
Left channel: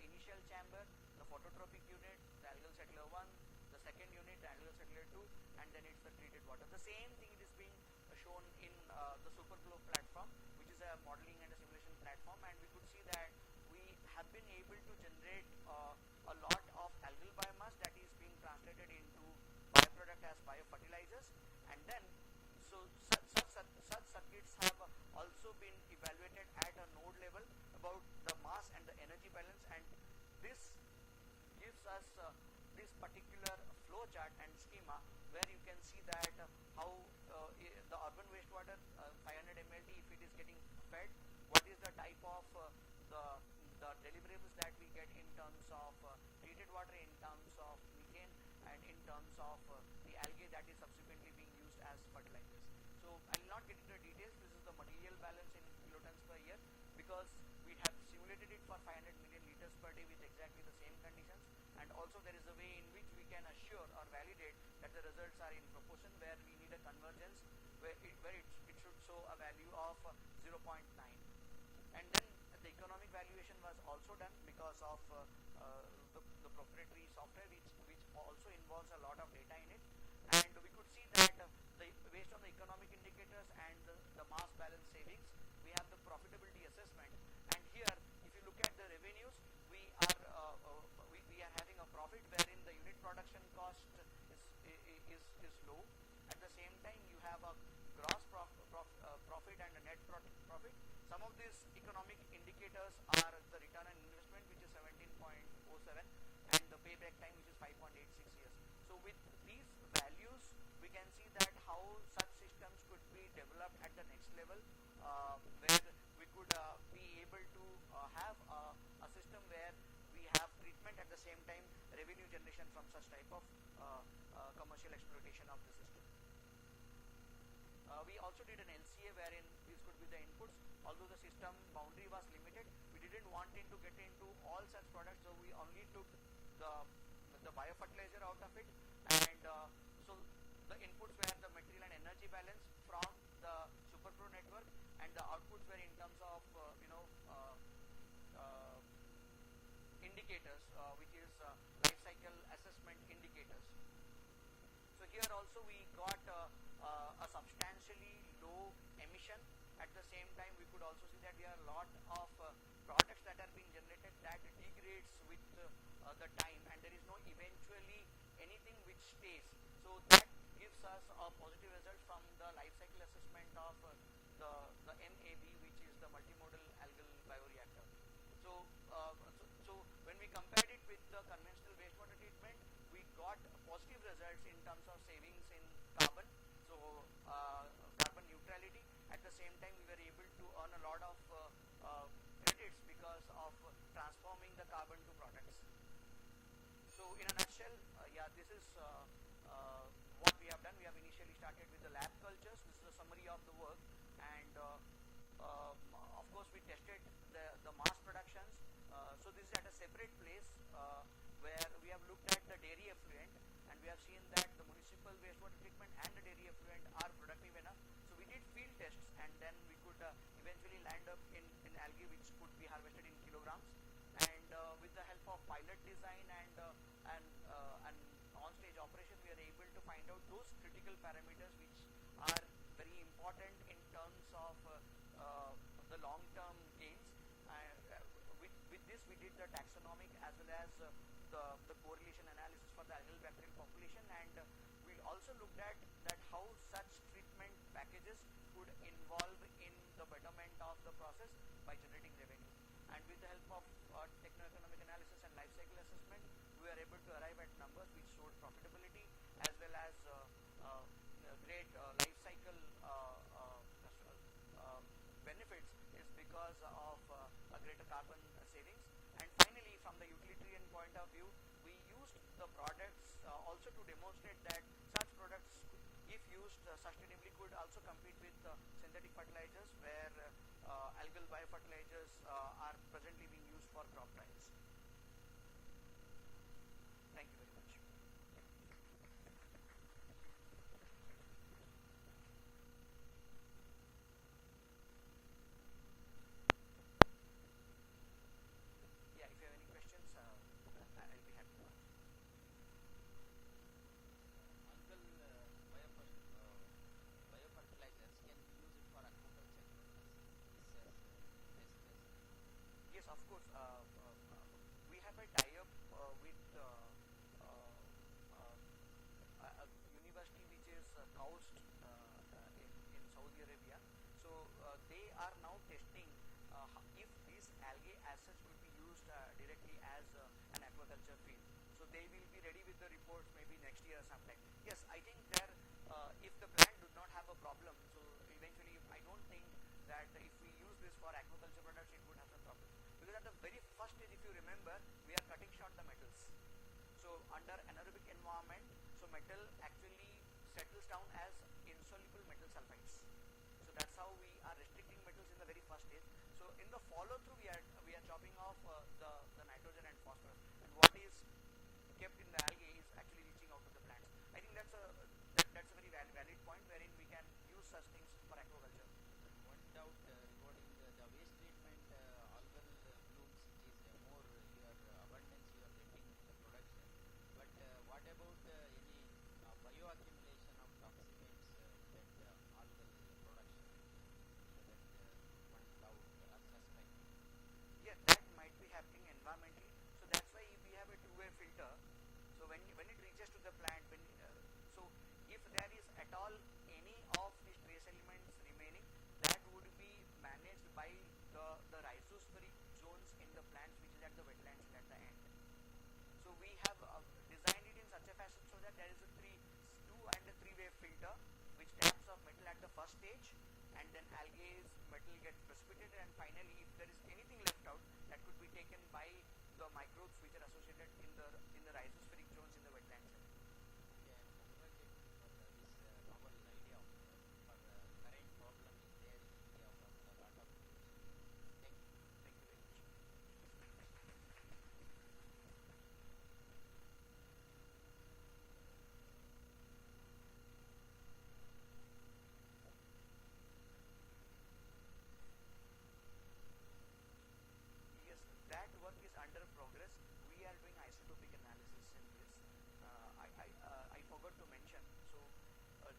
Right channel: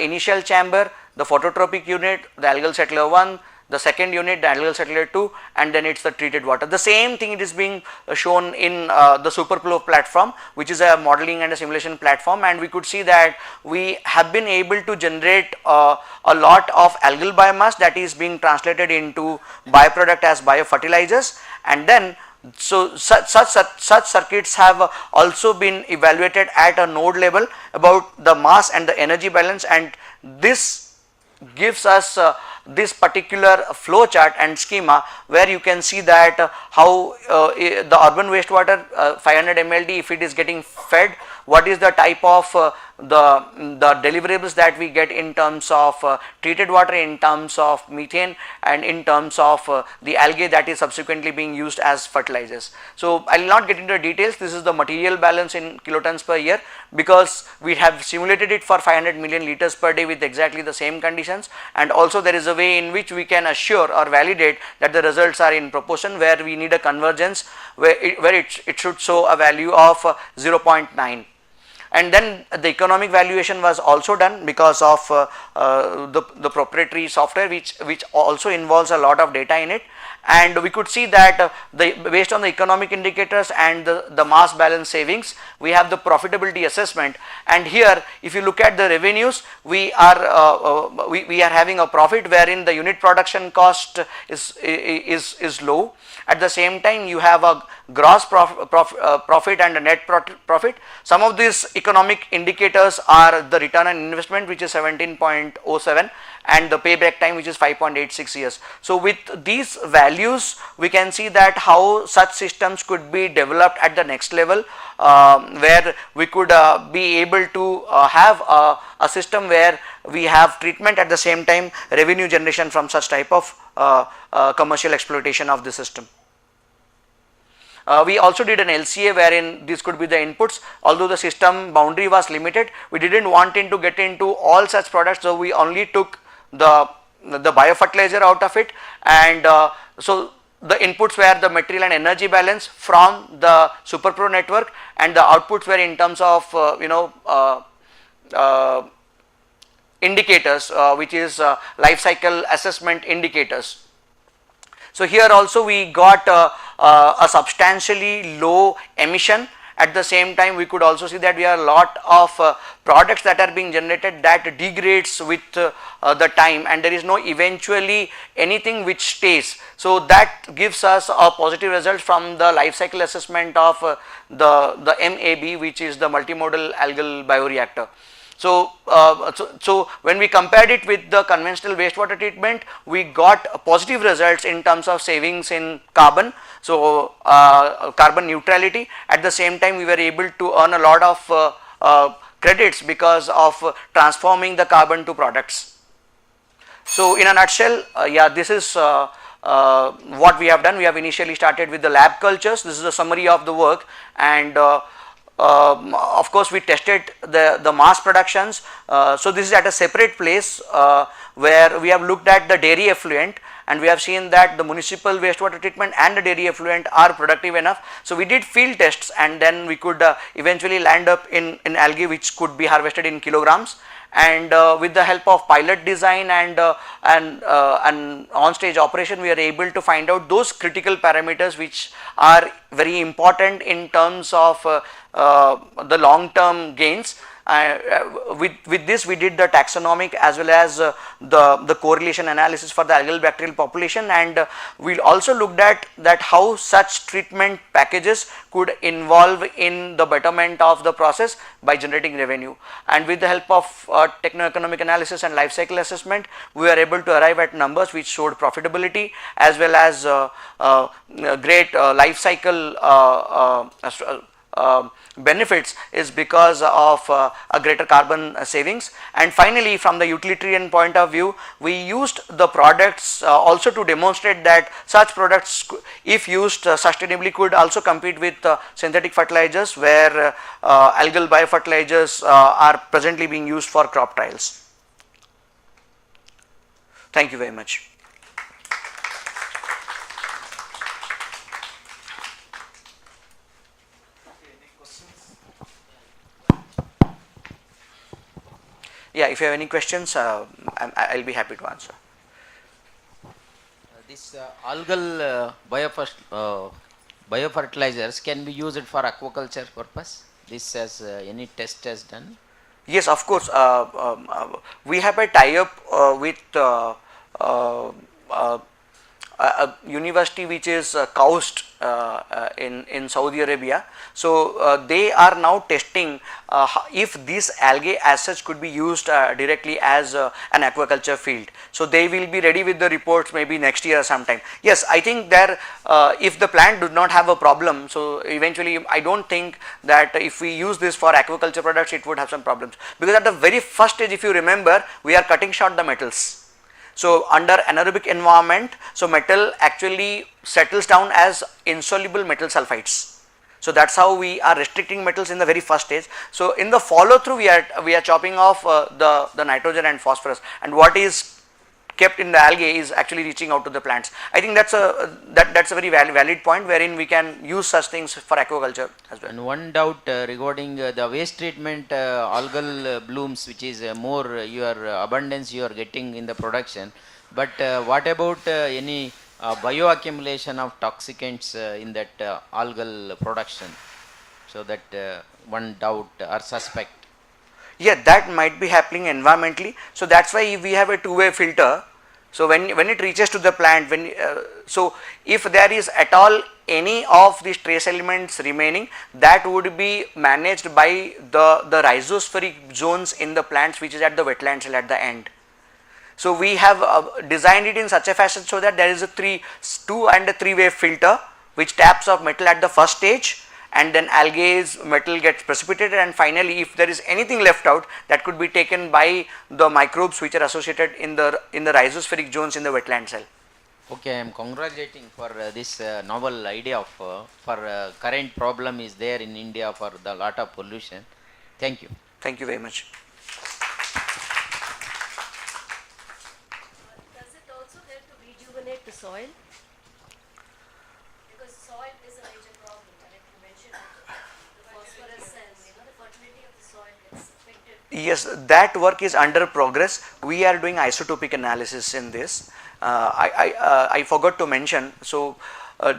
initial chamber, the phototropic unit, the algal settler 1, the second unit, the algal settler 2, and then it is the treated water. The same thing it is being shown in the Superflow platform, which is a modeling and a simulation platform, and we could see that we have been able to generate a lot of algal biomass that is being translated into byproduct as biofertilizers, and then so such circuits have also been evaluated at a node level about the mass and the energy balance, and this gives us this particular flow chart and schema where you can see that how the urban wastewater 500 mld, if it is getting fed, what is the type of the deliverables that we get in terms of treated water, in terms of methane, and in terms of the algae that is subsequently being used as fertilizers. So I will not get into the details. This is the material balance in kilotons per year, because we have simulated it for 500 million liters per day with exactly the same conditions, and also there is a way in which we can assure or validate that the results are in proportion, where we need a convergence where it should show a value of 0.9. And then the economic valuation was also done because of the proprietary software which also involves a lot of data in it, and we could see that based on the economic indicators and the mass balance savings, we have the profitability assessment. And here if you look at the revenues, we are having a profit wherein the unit production cost is low. At the same time, you have a gross profit and a net profit. Some of these economic indicators are the return on investment, which is 17.07, and the payback time, which is 5.86 years. So with these values, we can see that how such systems could be developed at the next level, where we could be able to have a system where we have treatment, at the same time revenue generation from such type of commercial exploitation of the system. We also did an LCA wherein this could be the inputs. Although the system boundary was limited, we did not want to get into all such products, so we only took the biofertilizer out of it, and so the inputs were the material and energy balance from the SuperPro network, and the outputs were in terms of indicators, which is life cycle assessment indicators. So here also we got a substantially low emission. At the same time, we could also see that we have a lot of products that are being generated that degrades with the time, and there is no eventually anything which stays. So that gives us a positive result from the life cycle assessment of the MAB, which is the multimodal algal bioreactor. So, so when we compared it with the conventional wastewater treatment, we got positive results in terms of savings in carbon. So, carbon neutrality. At the same time, we were able to earn a lot of credits because of transforming the carbon to products. So, in a nutshell, yeah, this is what we have done. We have initially started with the lab cultures. This is a summary of the work, and of course, we tested the mass productions. So this is at a separate place where we have looked at the dairy effluent, and we have seen that the municipal wastewater treatment and the dairy effluent are productive enough. So we did field tests, and then we could eventually land up in algae which could be harvested in kilograms. And with the help of pilot design and on stage operation, we are able to find out those critical parameters which are very important in terms of the long term gains. With this we did the taxonomic as well as the correlation analysis for the algal bacterial population, and we also looked at that how such treatment packages could involve in the betterment of the process by generating revenue. And with the help of techno-economic analysis and life cycle assessment, we were able to arrive at numbers which showed profitability as well as great life cycle benefits is because of a greater carbon savings. And finally, from the utilitarian point of view, we used the products also to demonstrate that such products, if used sustainably, could also compete with synthetic fertilizers, where algal biofertilizers are presently being used for crop trials. Thank you very much. Yeah, if you have any questions, I'll be happy to answer. This algal biofertilizers can be used for aquaculture purpose. This has any test has done? Yes, of course. We have a tie-up with a university which is Kaust in Saudi Arabia. So they are now testing if these algae as such could be used directly as an aquaculture field. So they will be ready with the reports maybe next year sometime. Yes, I think there if the plant does not have a problem, so eventually I don't think that if we use this for aquaculture products it would have some problems, because at the very first stage, if you remember, we are cutting short the metals. So under anaerobic environment, so metal actually settles down as insoluble metal sulfides. So that's how we are restricting metals in the very first stage. So in the follow through, we are chopping off the nitrogen and phosphorus, and what is kept in the algae is actually reaching out to the plants. I think that's a very valid point wherein we can use such things for aquaculture as well. And one doubt regarding the waste treatment algal blooms, which is more your abundance you are getting in the production, but what about any bioaccumulation of toxicants in that algal production? So that one doubt or suspect. Yeah, that might be happening environmentally. So that's why we have a two-way filter. So when it reaches to the plant, so if there is at all any of these trace elements remaining, that would be managed by the rhizospheric zones in the plants, which is at the wetland cell at the end. So we have designed it in such a fashion so that there is a two and a three-way filter which taps off metal at the first stage, and then algae's metal gets precipitated, and finally if there is anything left out, that could be taken by the microbes which are associated in the rhizospheric zones in the wetland cell. Okay, I am congratulating for this novel idea of for current problem is there in India for the lot of pollution. Thank you. Thank you very much. Does it also help to rejuvenate the soil? Because soil is a major problem, like you mentioned, the phosphorus and the fertility of the soil gets affected. Yes, that work is under progress. We are doing isotopic analysis in this. I forgot to mention. So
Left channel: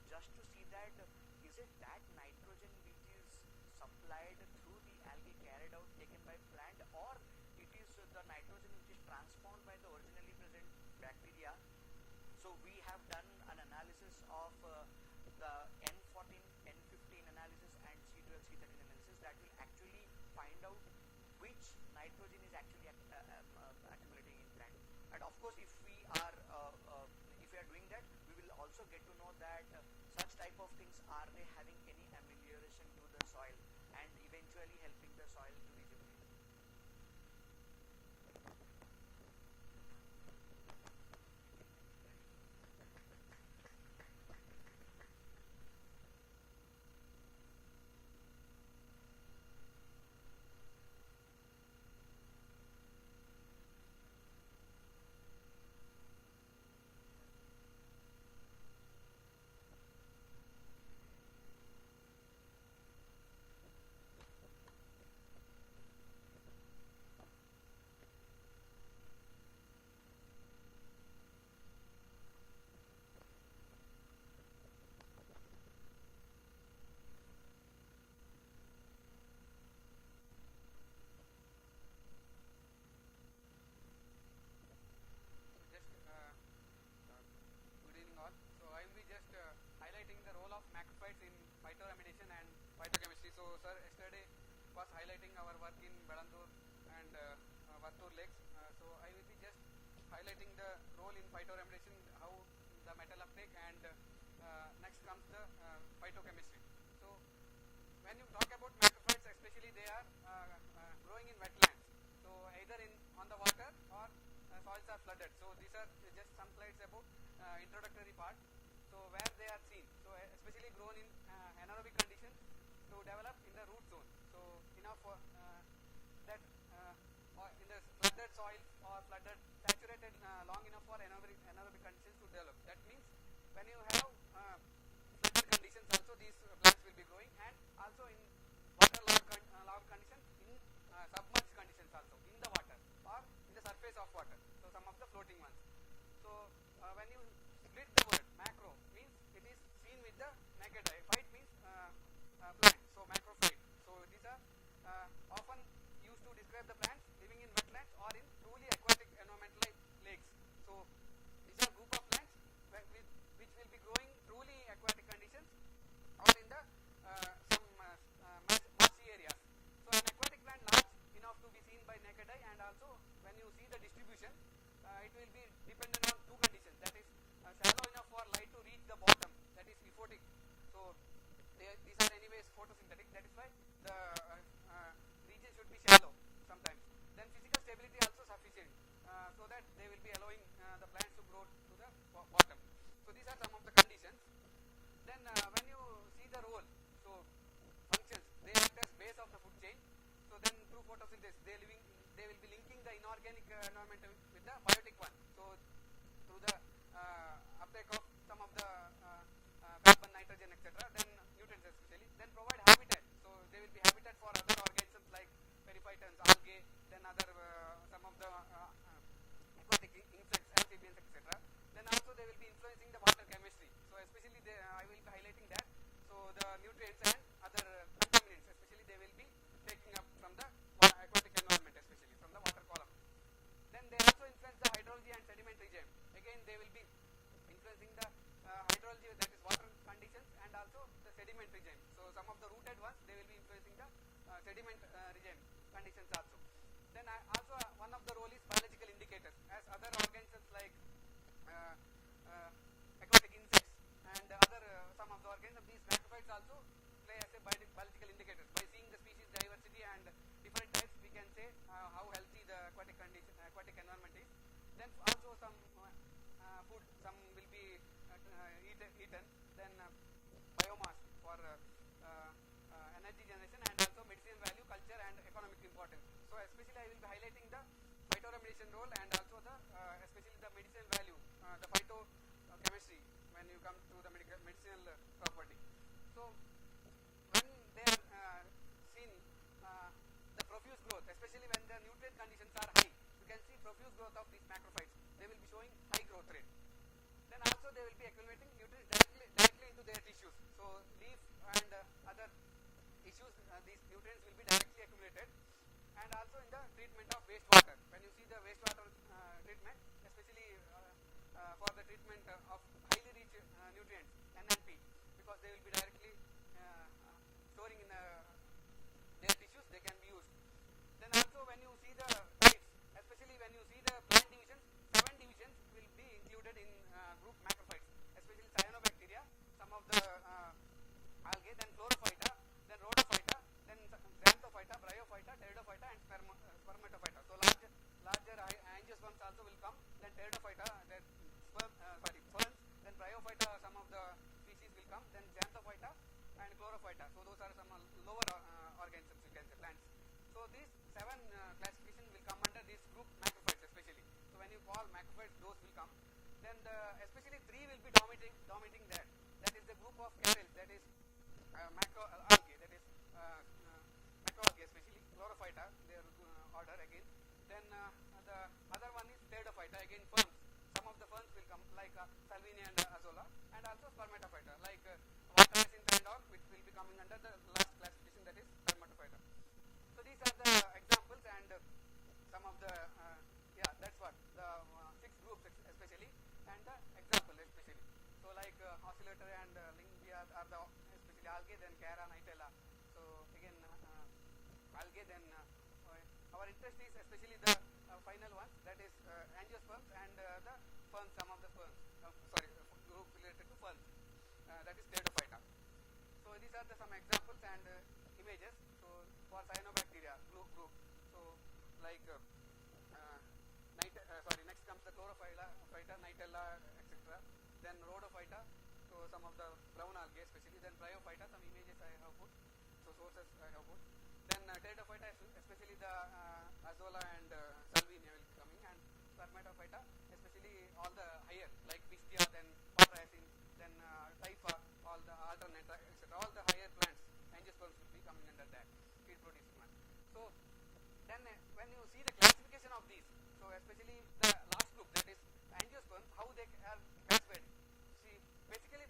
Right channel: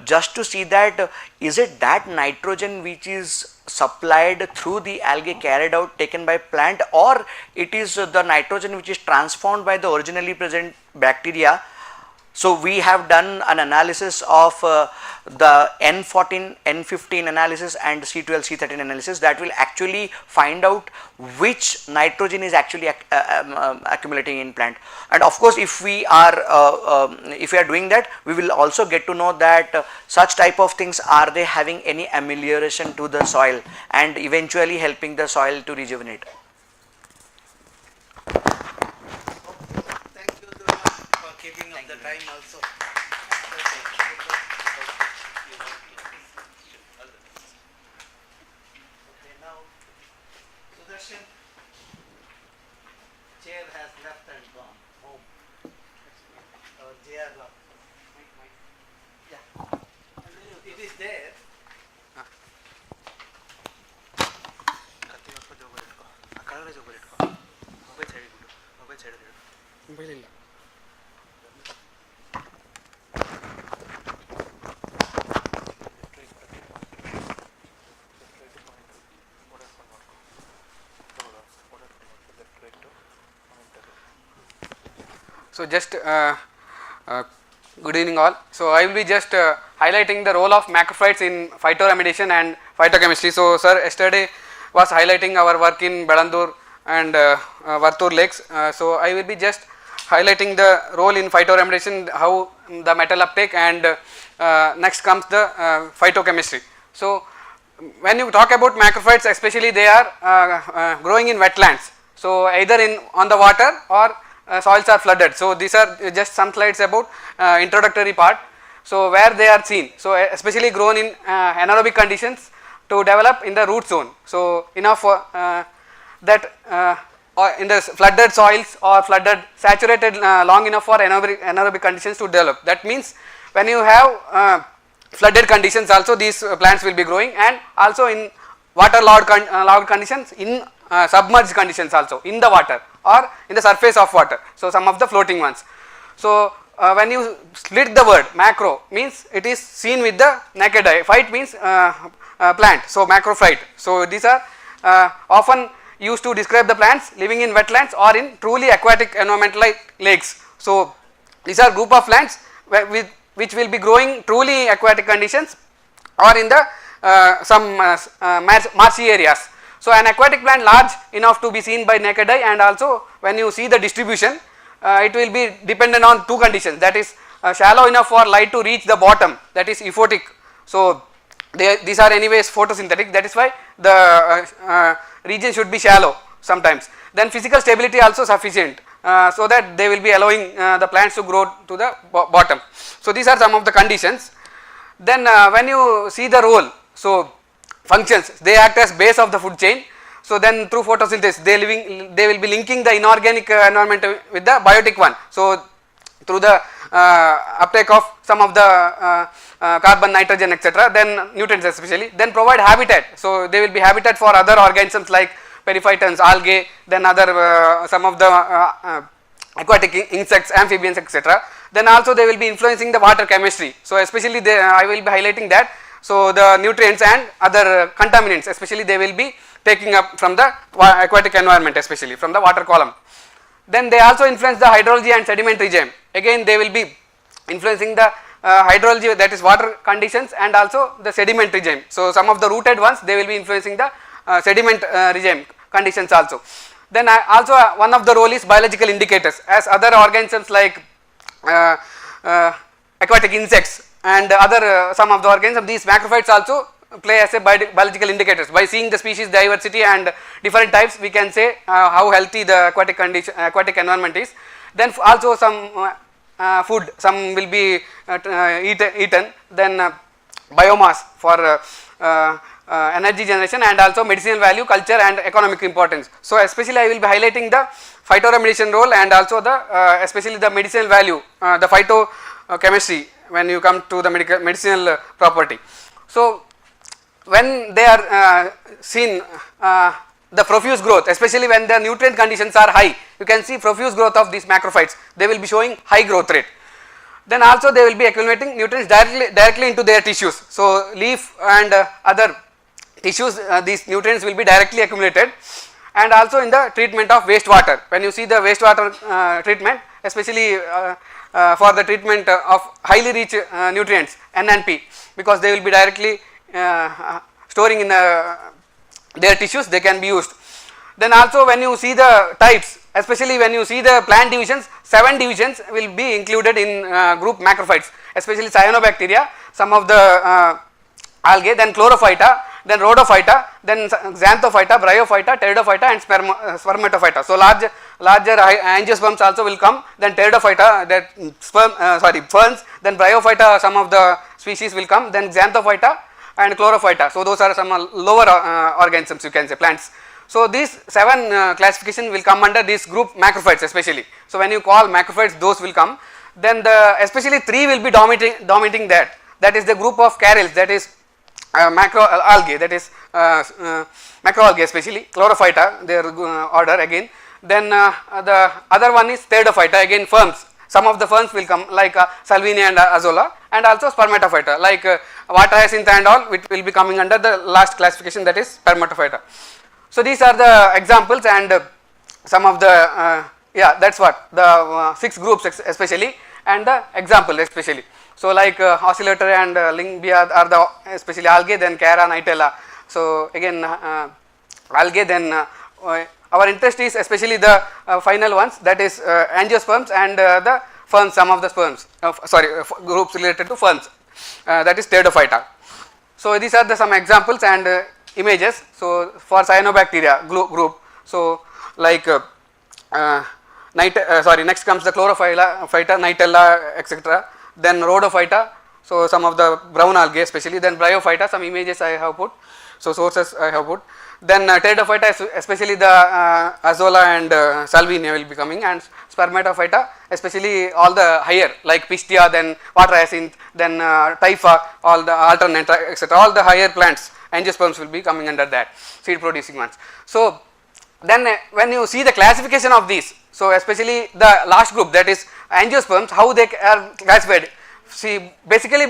just to see that is it that nitrogen which is supplied through the algae carried out taken by plant, or it is the nitrogen which is transformed by the originally present bacteria. So we have done an analysis of the N14, N15 analysis and C12, C13 analysis that will actually find out which nitrogen is actually accumulating in plant. And of course, if we are doing that, we will also get to know that such type of things, are they having any amelioration to the soil and eventually helping the soil to rejuvenate. So just good evening all. So I will be just highlighting the role of macrophytes in phytoremediation and phytochemistry. So sir yesterday was highlighting our work in Belandur and Vartur lakes. So I will be just highlighting the role in phytoremediation, how the metal uptake, and next comes the phytochemistry. So when you talk about macrophytes, especially they are growing in wetlands. So either on the water or soils are flooded. So these are just some slides about introductory part. So where they are seen, so especially grown in anaerobic conditions to develop in the root zone. So enough that or in the flooded soils or flooded saturated long enough for anaerobic conditions to develop. That means when you have flooded conditions also these plants will be growing, and also in water logged conditions, in submerged conditions also in the water or in the surface of water. So some of the floating ones. So when you split the word macro means it is seen with the naked eye, phyte means plant, so macrophyte. So these are often used to describe the plants living in wetlands or in truly aquatic environment like lakes. So these are group of plants which will be growing truly aquatic conditions or in the some marshy areas. So an aquatic plant large enough to be seen by naked eye, and also when you see the distribution it will be dependent on two conditions, that is shallow enough for light to reach the bottom, that is euphotic. So these are anyways photosynthetic, that is why the region should be shallow sometimes. Then physical stability also sufficient so that they will be allowing the plants to grow to the bottom. So these are some of the conditions. Then when you see the role, so functions, they act as base of the food chain. So then through photosynthesis they will be linking the inorganic environment with the biotic one. So through the uptake of some of the carbon, nitrogen, etc., then nutrients especially, then provide habitat. So they will be habitat for other organisms like periphytons, algae, then other some of the aquatic insects, amphibians, etc. Then also they will be influencing the water chemistry. So especially I will be highlighting that. So the nutrients and other contaminants especially they will be taking up from the aquatic environment, especially from the water column. Then they also influence the hydrology and sediment regime. Again they will be influencing the hydrology, that is water conditions, and also the sediment regime. So some of the rooted ones they will be influencing the sediment regime conditions also. Then also one of the role is biological indicators, as other organisms like aquatic insects and other some of the organisms, these macrophytes also play as a biological indicators. By seeing the species diversity and different types we can say how healthy the aquatic environment is. Then also some food, some will be eaten, then biomass for energy generation, and also medicinal value, culture and economic importance. So especially I will be highlighting the phytoremediation role and also the especially the medicinal value, the phytochemistry when you come to the medicinal property. So when they are seen the profuse growth, especially when the nutrient conditions are high, you can see profuse growth of these macrophytes, they will be showing high growth rate. Then also they will be accumulating nutrients directly into their tissues. So leaf and other tissues, these nutrients will be directly accumulated. And also in the treatment of wastewater, when you see the wastewater treatment, especially for the treatment of highly rich nutrients N and P, because they will be directly storing in their tissues, they can be used. Then also when you see the types, especially when you see the plant divisions, 7 divisions will be included in group macrophytes, especially cyanobacteria, some of the algae, then chlorophyta, then rhodophyta, then xanthophyta, bryophyta, pteridophyta and spermatophyta. So larger angiosperms also will come, then pteridophyta, that ferns, then bryophyta, some of the species will come, then xanthophyta and chlorophyta. So those are some lower organisms, you can say, plants. So these 7 classification will come under this group macrophytes especially. So when you call macrophytes, those will come. Then especially 3 will be dominating that. That is the group of carels, that is macroalgae, that is macroalgae especially, chlorophyta, their order again. Then the other one is pteridophyta, again ferns. Some of the ferns will come like Salvinia and Azolla, and also spermatophyta like water hyacinth and all, which will be coming under the last classification, that is spermatophyta. So these are the examples and some of the Yeah, that's what the 6 groups especially, and the example especially. So like oscillator and Lingbia are the especially algae, then Cara, Nitella. So again algae, then our interest is especially the final ones, that is angiosperms and the ferns, some of the sperms, groups related to ferns, that is Pteridophyta. So these are the some examples and images. So for cyanobacteria group, so like next comes the Chlorophyta, Nitella, etc. Then Rhodophyta, so some of the brown algae especially. Then Bryophyta, some images I have put, so sources I have put. Then Pteridophyta, especially the Azolla and Salvinia will be coming, and Spermatophyta, especially all the higher like Pistia, then water hyacinth, then Typha, all the alternate, etc. All the higher plants, angiosperms will be coming under that, seed producing ones. So then when you see the classification of these, so especially the last group, that is angiosperms, how they are classified. See, basically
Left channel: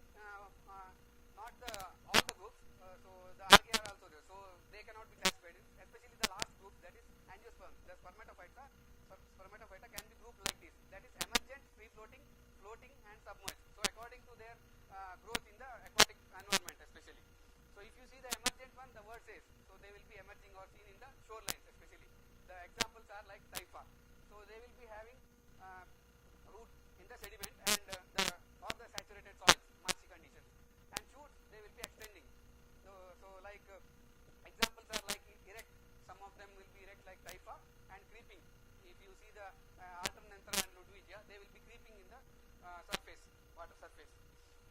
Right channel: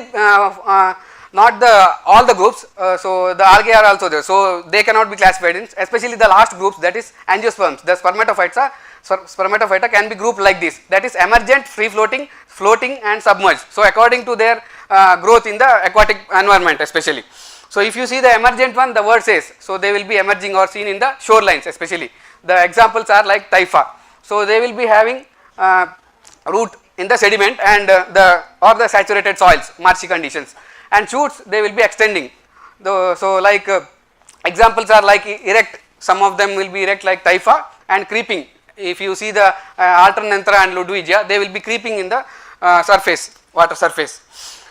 not the all the groups, so the algae are also there, so they cannot be classified in, especially the last groups, that is angiosperms. The spermatophyta can be grouped like this, that is emergent, free floating, floating and submerged. So according to their growth in the aquatic environment especially. So if you see the emergent one, the word says, so they will be emerging or seen in the shorelines especially. The examples are like Typha, so they will be having root in the sediment and the saturated soils, marshy conditions, and shoots they will be extending. So like examples are like erect, some of them will be erect like Typha, and creeping. If you see the Alternanthera and Ludwigia, they will be creeping in the surface, water surface.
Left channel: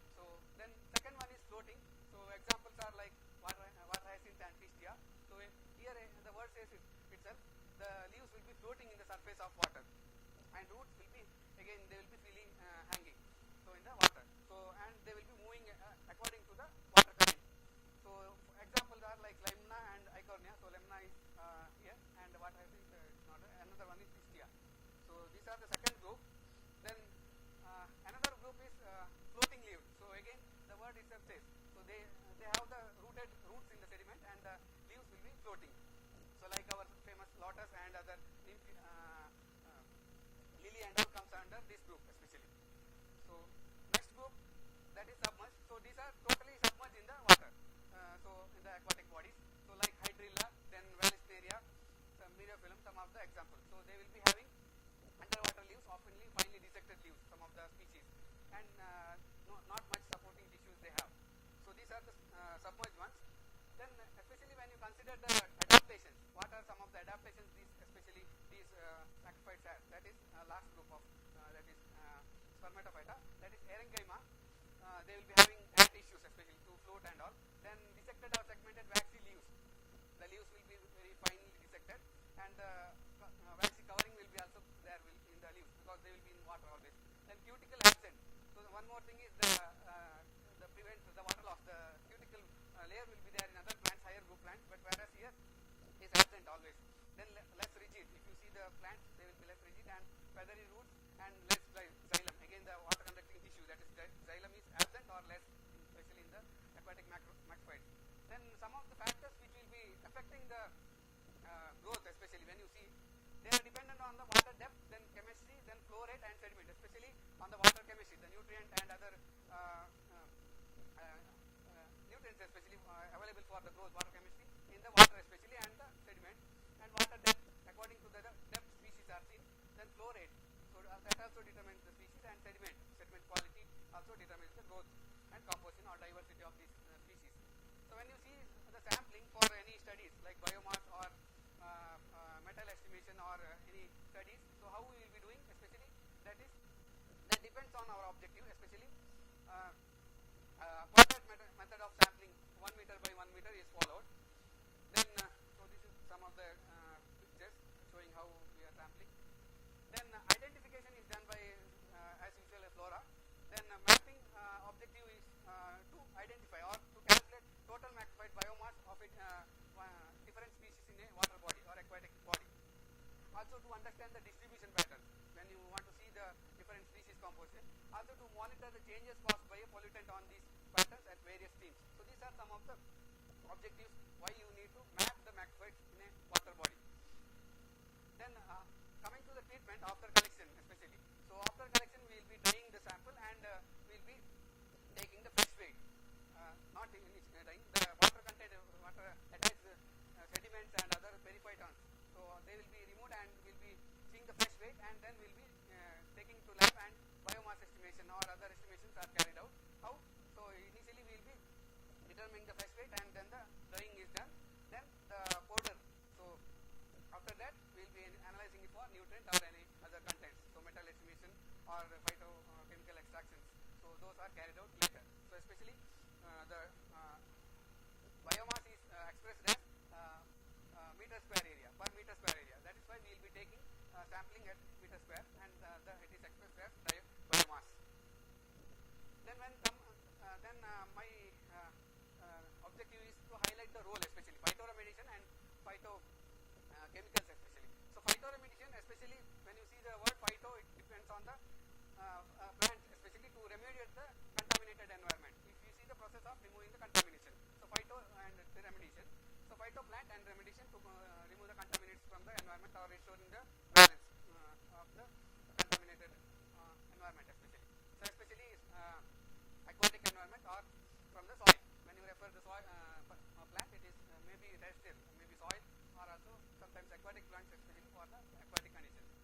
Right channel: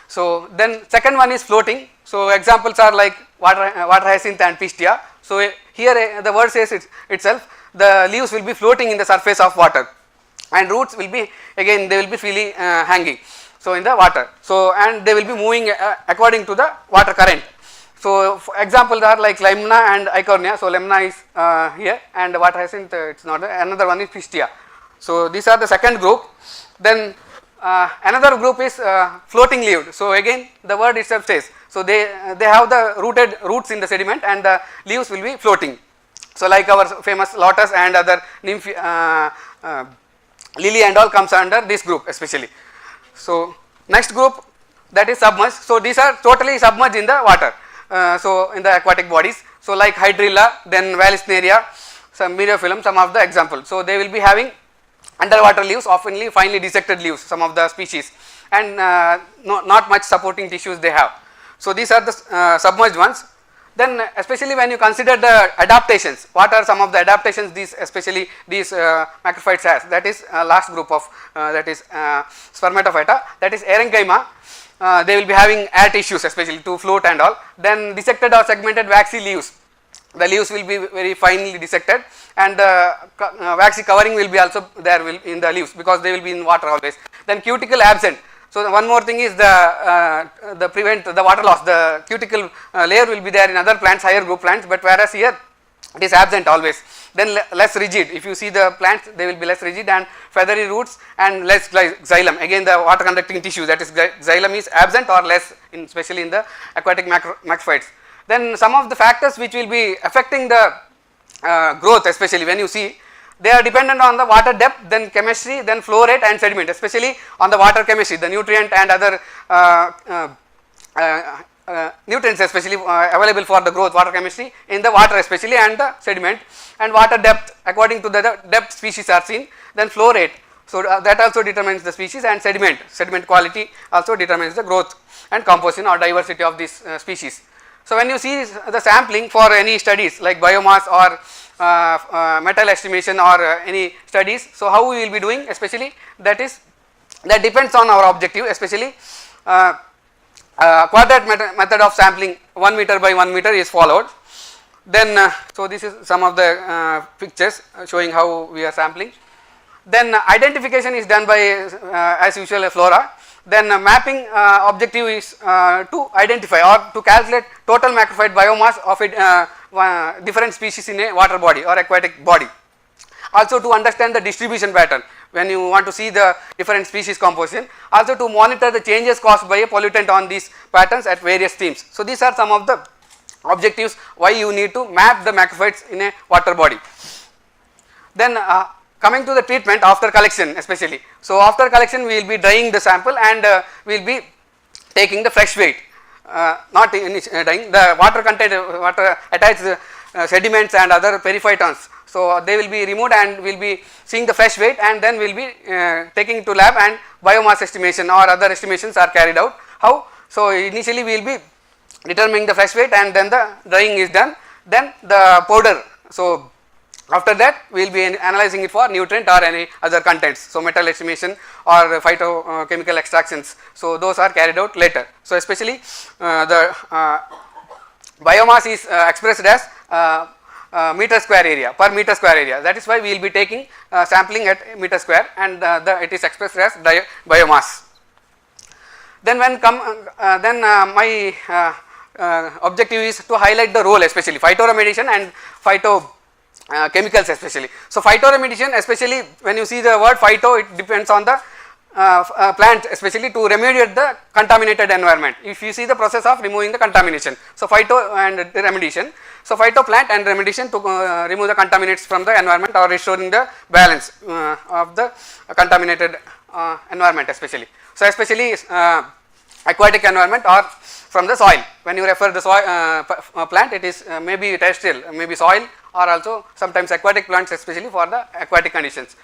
So then second one is floating, so examples are like water hyacinth and Pistia. So here the word says itself, the leaves will be floating in the surface of water, and roots will be, again they will be freely hanging, so in the water, so and they will be moving according to the water current. So examples are like Limna and Eichhornia. So Limna is here, and water hyacinth it's not there. Another one is Pistia. So these are the second group. Then another group is floating leaved. So again the word itself says, so they have the roots in the sediment, and the leaves will be floating. So like our famous lotus and other nymph, lily and all comes under this group especially. So next group, that is submerged. So these are totally submerged in the water, so in the aquatic bodies. So like Hydrilla, then Vallisneria, some Myriophyllum, some of the examples. So they will be having underwater leaves, oftenly finely dissected leaves, some of the species, and not much supporting tissues they have. So these are the submerged ones. Then especially when you consider the adaptations, what are some of the adaptations these especially these macrophytes has, that is last group of that is Spermatophyta, that is Erenchyma. They will be having air tissues especially to float and all. Then dissected or segmented waxy leaves, the leaves will be very finely dissected, and the waxy covering will be also there in the leaves, because they will be in water always. Then cuticle absent. So one more thing is the prevent the water loss, the cuticle layer will be there in other plants, higher group plants, but whereas here it is absent always. Then less rigid, if you see the plants, they will be less rigid, and feathery roots and less xylem, again the water conducting tissue, that is xylem is absent or less especially in the aquatic macrophytes. Then some of the factors which will be affecting the growth, especially when you see, they are dependent on the water depth, then chemistry, then flow rate and sediment, especially on the water chemistry, the nutrient and other nutrients especially available for the growth, water chemistry in the water especially, and the sediment, and water depth, according to the depth species are seen, then flow rate. So that also determines the species, and sediment quality also determines the growth and composition or diversity of this species. So when you see the sampling for any studies like biomass or metal estimation or any studies, so how we will be doing, especially that depends on our objective, especially quadrant method of sampling 1 meter by 1 meter is followed. Then so this is some of the pictures showing how we are sampling. Then identification is done by as usual a flora. Then mapping objective is to identify or to calculate total macrophyte biomass of a different species in a water body or aquatic body. Also to understand the distribution pattern when you want to see the different species composition. Also to monitor the changes caused by a pollutant on these patterns at various streams. So these are some of the objectives why you need to map the macrophytes in a water body. Then coming to the treatment after collection especially. So after collection we will be drying the sample and we will be taking the fresh weight, not drying the water content, water attached sediments and other periphytons. So they will be removed and we will be seeing the fresh weight, and then we will be taking to lab and biomass estimation or other estimations are carried out. How? So initially we will be determining the fresh weight and then the drying is done, then the powder. So after that we will be analyzing it for nutrient or any other contents. So metal estimation or phytochemical extractions, so those are carried out later. So especially the biomass is expressed as meter square area, per meter square area. That is why we will be taking sampling at meter square, and it is expressed as biomass. Then when my objective is to highlight the role, especially phytoremediation and phytochemicals especially. So phytoremediation, especially when you see the word phyto, it depends on the plant, especially to remediate the contaminated environment. If you see the process of removing the contamination, so phyto and remediation. So phyto, plant and remediation to remove the contaminants from the environment or restoring the balance of the contaminated environment especially. So especially aquatic environment or from the soil. When you refer the soil plant, it is maybe terrestrial, maybe soil, or also sometimes aquatic plants, especially for the aquatic conditions.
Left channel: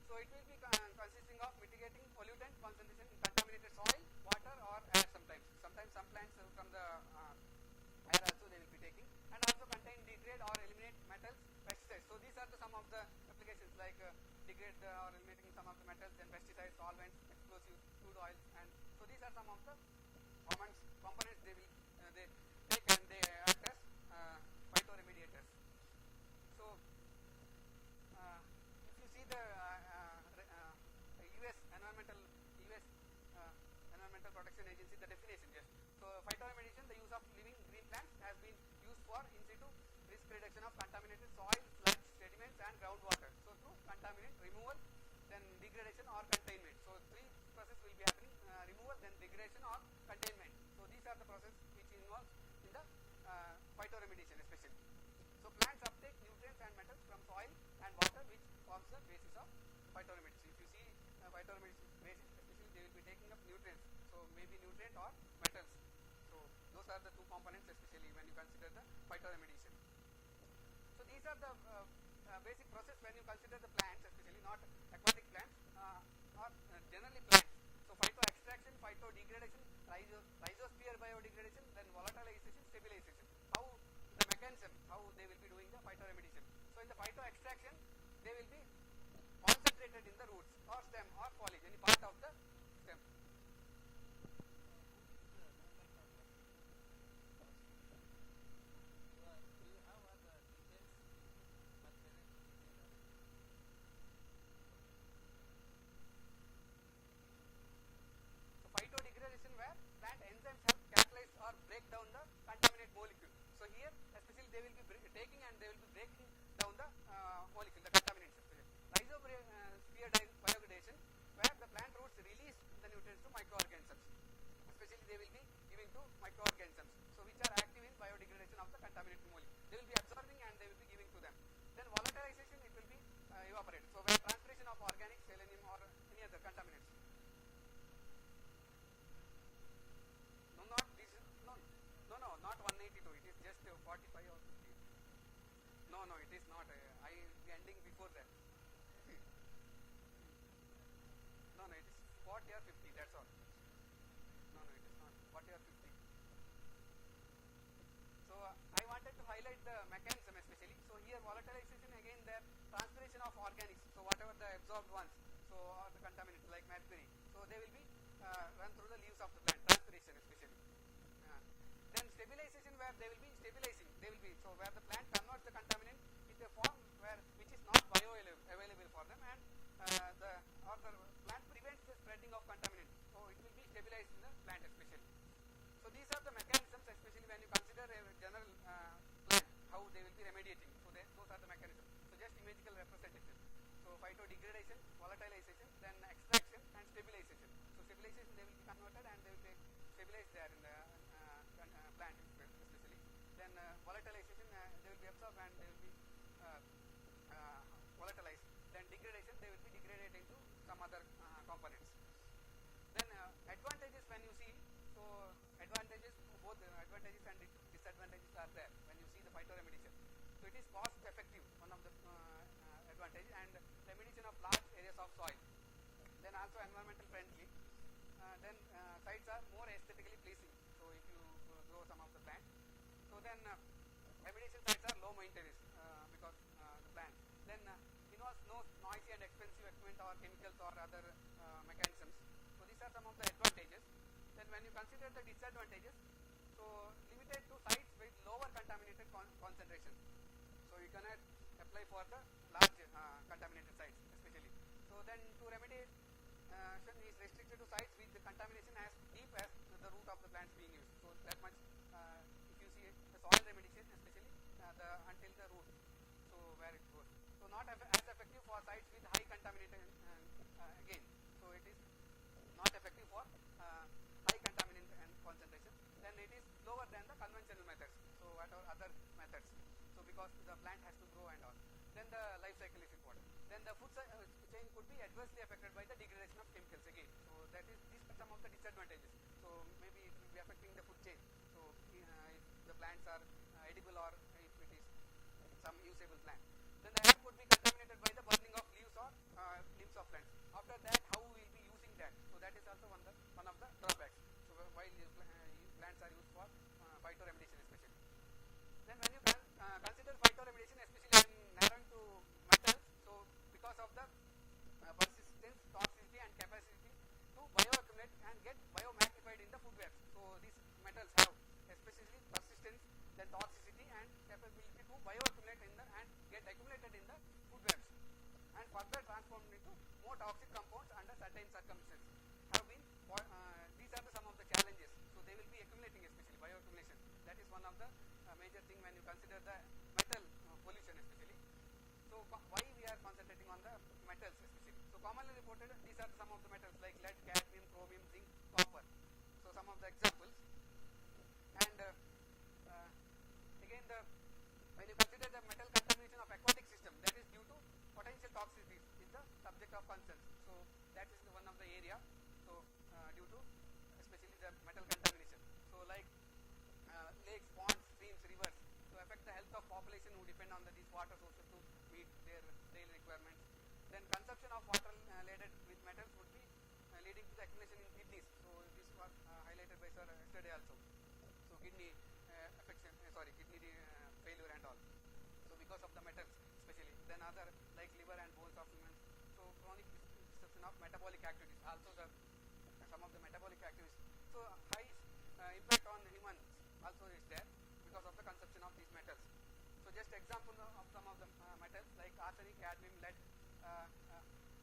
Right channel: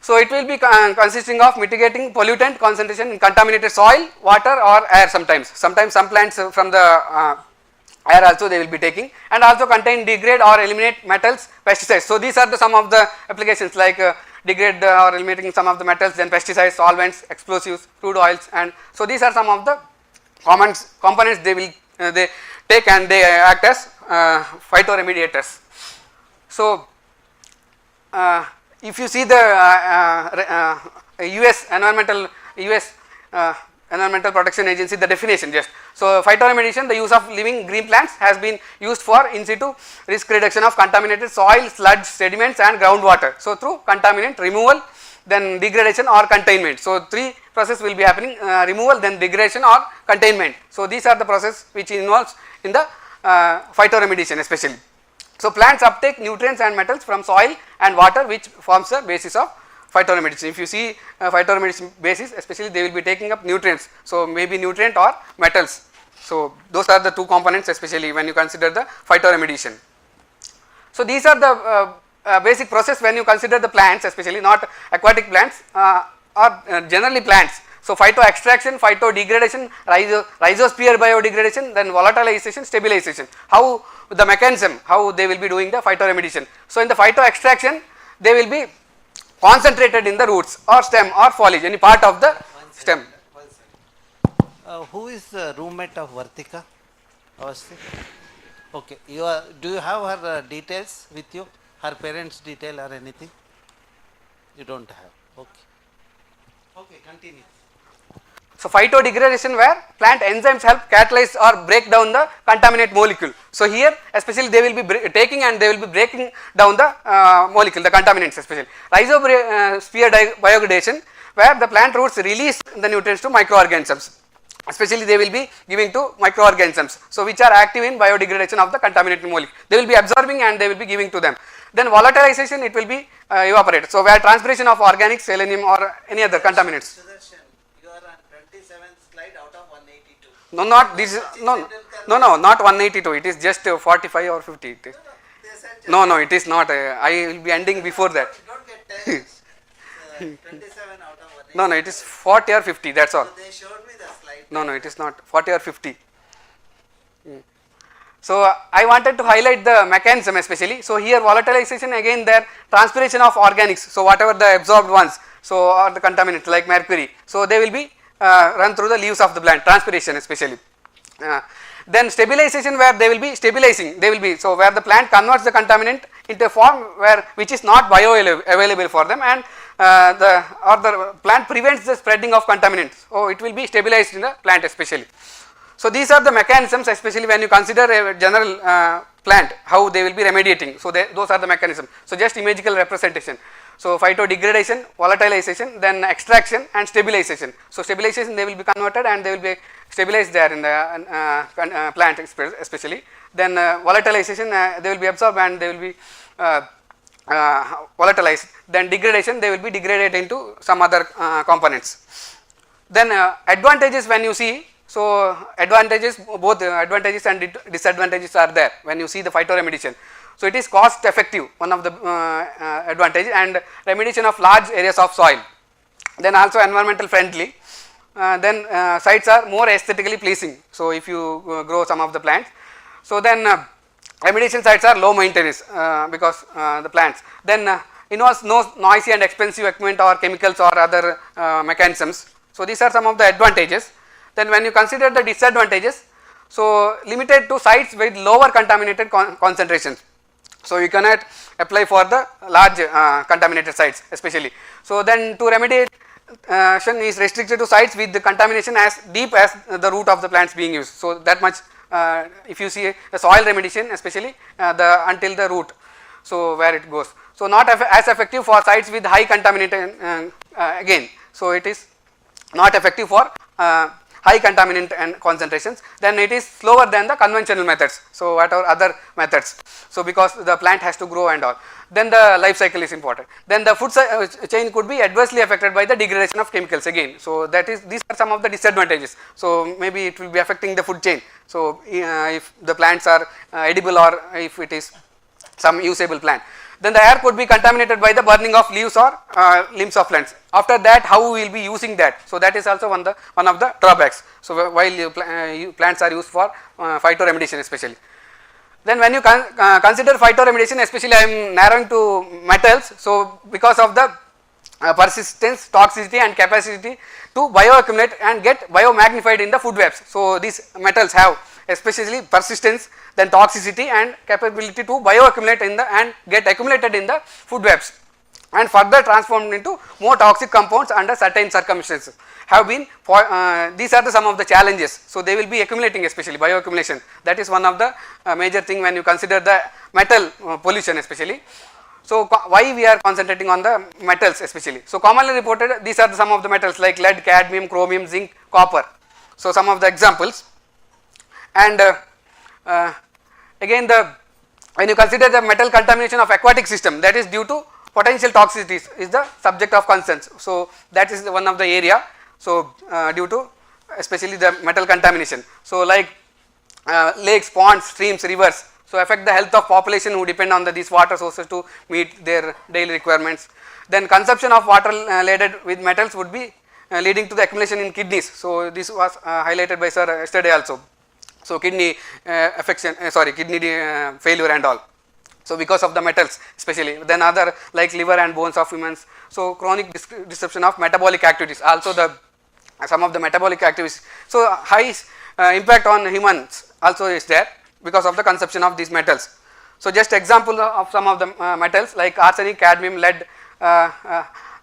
So it will be consisting of mitigating pollutant concentration in contaminated soil, water or air sometimes. Sometimes some plants from the air also they will be taking, and also contain, degrade or eliminate metals, pesticides. So these are the some of the applications like degrade or eliminating some of the metals, then pesticides, solvents, explosives, crude oils, and so these are some of the common components they will they take, and they act as phytoremediators. So if you see the US Environmental Protection Agency, the definition just. So phytoremediation, the use of living green plants, has been used for in situ risk reduction of contaminated soil, sludge, sediments and groundwater. So through contaminant removal, then degradation or containment. So three process will be happening: removal, then degradation or containment. So these are the process which involves in the phytoremediation especially. So plants uptake nutrients and metals from soil and water, which forms the basis of phytoremediation. If you see phytoremediation basis, especially they will be taking up nutrients, so maybe nutrient or metals. So those are the two components, especially when you consider the phytoremediation. So these are the basic process when you consider the plants, especially not aquatic plants or generally plants. So phyto extraction, phyto degradation, rhizosphere biodegradation, then volatilization, stabilization. How the mechanism, how they will be doing the phytoremediation. So in the phyto extraction, they will be concentrated in the roots or stem or foliage, any part of the stem. Who is the roommate of Vartika? Okay, do you have her details with you? Her parents' detail or anything? You don't have. Okay. Okay, continue. So phytodegradation, where plant enzymes help catalyze or break down the contaminant molecule. So here especially they will be taking and they will be breaking down the molecule, the contaminants especially. Rhizosphere biodegradation, where the plant roots release the nutrients to microorganisms. Especially they will be giving to microorganisms, so which are active in biodegradation of the contaminated molecule. They will be absorbing and they will be giving to them. Then volatilization, it will be evaporated. So where transpiration of organic, selenium or any other contaminants. You are on 27th slide out of 182. No, not this. No, not 182. It is just 45 or 50. It is. No, it is not. I will be ending before that. Don't get 10. 27 out of 182. No, it is 40 or 50. That's all. So they showed me the slide. No, it is not 40 or 50. So I wanted to highlight the mechanism especially. So here volatilization, again there transpiration of organics. So whatever the absorbed ones, so or the contaminants like mercury, so they will be run through the leaves of the plant, transpiration especially. Then stabilization, where they will be stabilizing, they will be, so where the plant converts the contaminant into a form where which is not bioavailable for them, and the plant prevents the spreading of contaminants. So it will be stabilized in the plant especially. So these are the mechanisms, especially when you consider a general plant, how they will be remediating. So those are the mechanisms. So just imagical representation. So phytodegradation, volatilization, then extraction and stabilization. So stabilization, they will be converted and they will be stabilized there in the plant especially. Then volatilization, they will be absorbed and they will be volatilized, then degradation they will be degraded into some other components. Then advantages when you see, so advantages, both advantages and disadvantages are there when you see the phytoremediation. So it is cost effective, one of the advantage, and remediation of large areas of soil, then also environmental friendly, then sites are more aesthetically pleasing. So if you grow some of the plants, so then remediation sites are low maintenance because the plants, then involves no noisy and expensive equipment or chemicals or other mechanisms. So these are some of the advantages. Then when you consider the disadvantages, so limited to sites with lower contaminated concentrations. So you cannot apply for the large contaminated sites especially. So then to remediation is restricted to sites with the contamination as deep as the root of the plants being used. So that much if you see the soil remediation especially until the root, so where it goes. So not as effective for sites with high contamination again. So it is not effective for high contaminant and concentrations, then it is slower than the conventional methods. So what are other methods, so because the plant has to grow and all, then the life cycle is important, then the food chain could be adversely affected by the degradation of chemicals again. So that is, these are some of the disadvantages. So maybe it will be affecting the food chain, so if the plants are edible or if it is some usable plant. Then the air could be contaminated by the burning of leaves or limbs of plants. After that, how we will be using that? So that is also one of the drawbacks. So while plants are used for phytoremediation especially. Then when you consider phytoremediation, especially I am narrowing to metals. So because of the persistence, toxicity and capacity to bioaccumulate and get biomagnified in the food webs. So these metals have especially persistence, then toxicity and capability to bioaccumulate in the and get accumulated in the food webs and further transformed into more toxic compounds under certain circumstances have been these are some of the challenges. So they will be accumulating, especially bioaccumulation, that is one of the major thing when you consider the metal pollution especially. So why we are concentrating on the metals especially? So commonly reported, these are some of the metals like lead, cadmium, chromium, zinc, copper. So some of the examples. And again when you consider the metal contamination of aquatic system, that is due to potential toxicities is the subject of concern. So that is one of the area. So due to especially the metal contamination. So like lakes, ponds, streams, rivers, so affect the health of population who depend on these water sources to meet their daily requirements. Then consumption of water laden with metals would be leading to the accumulation in kidneys. So this was highlighted by sir yesterday also. So kidney affection, kidney failure and all. So because of the metals especially, then other like liver and bones of humans. So chronic disruption of metabolic activities, also the some of the metabolic activities. So high impact on humans also is there because of the consumption of these metals. So just example of some of the metals like arsenic, cadmium, lead,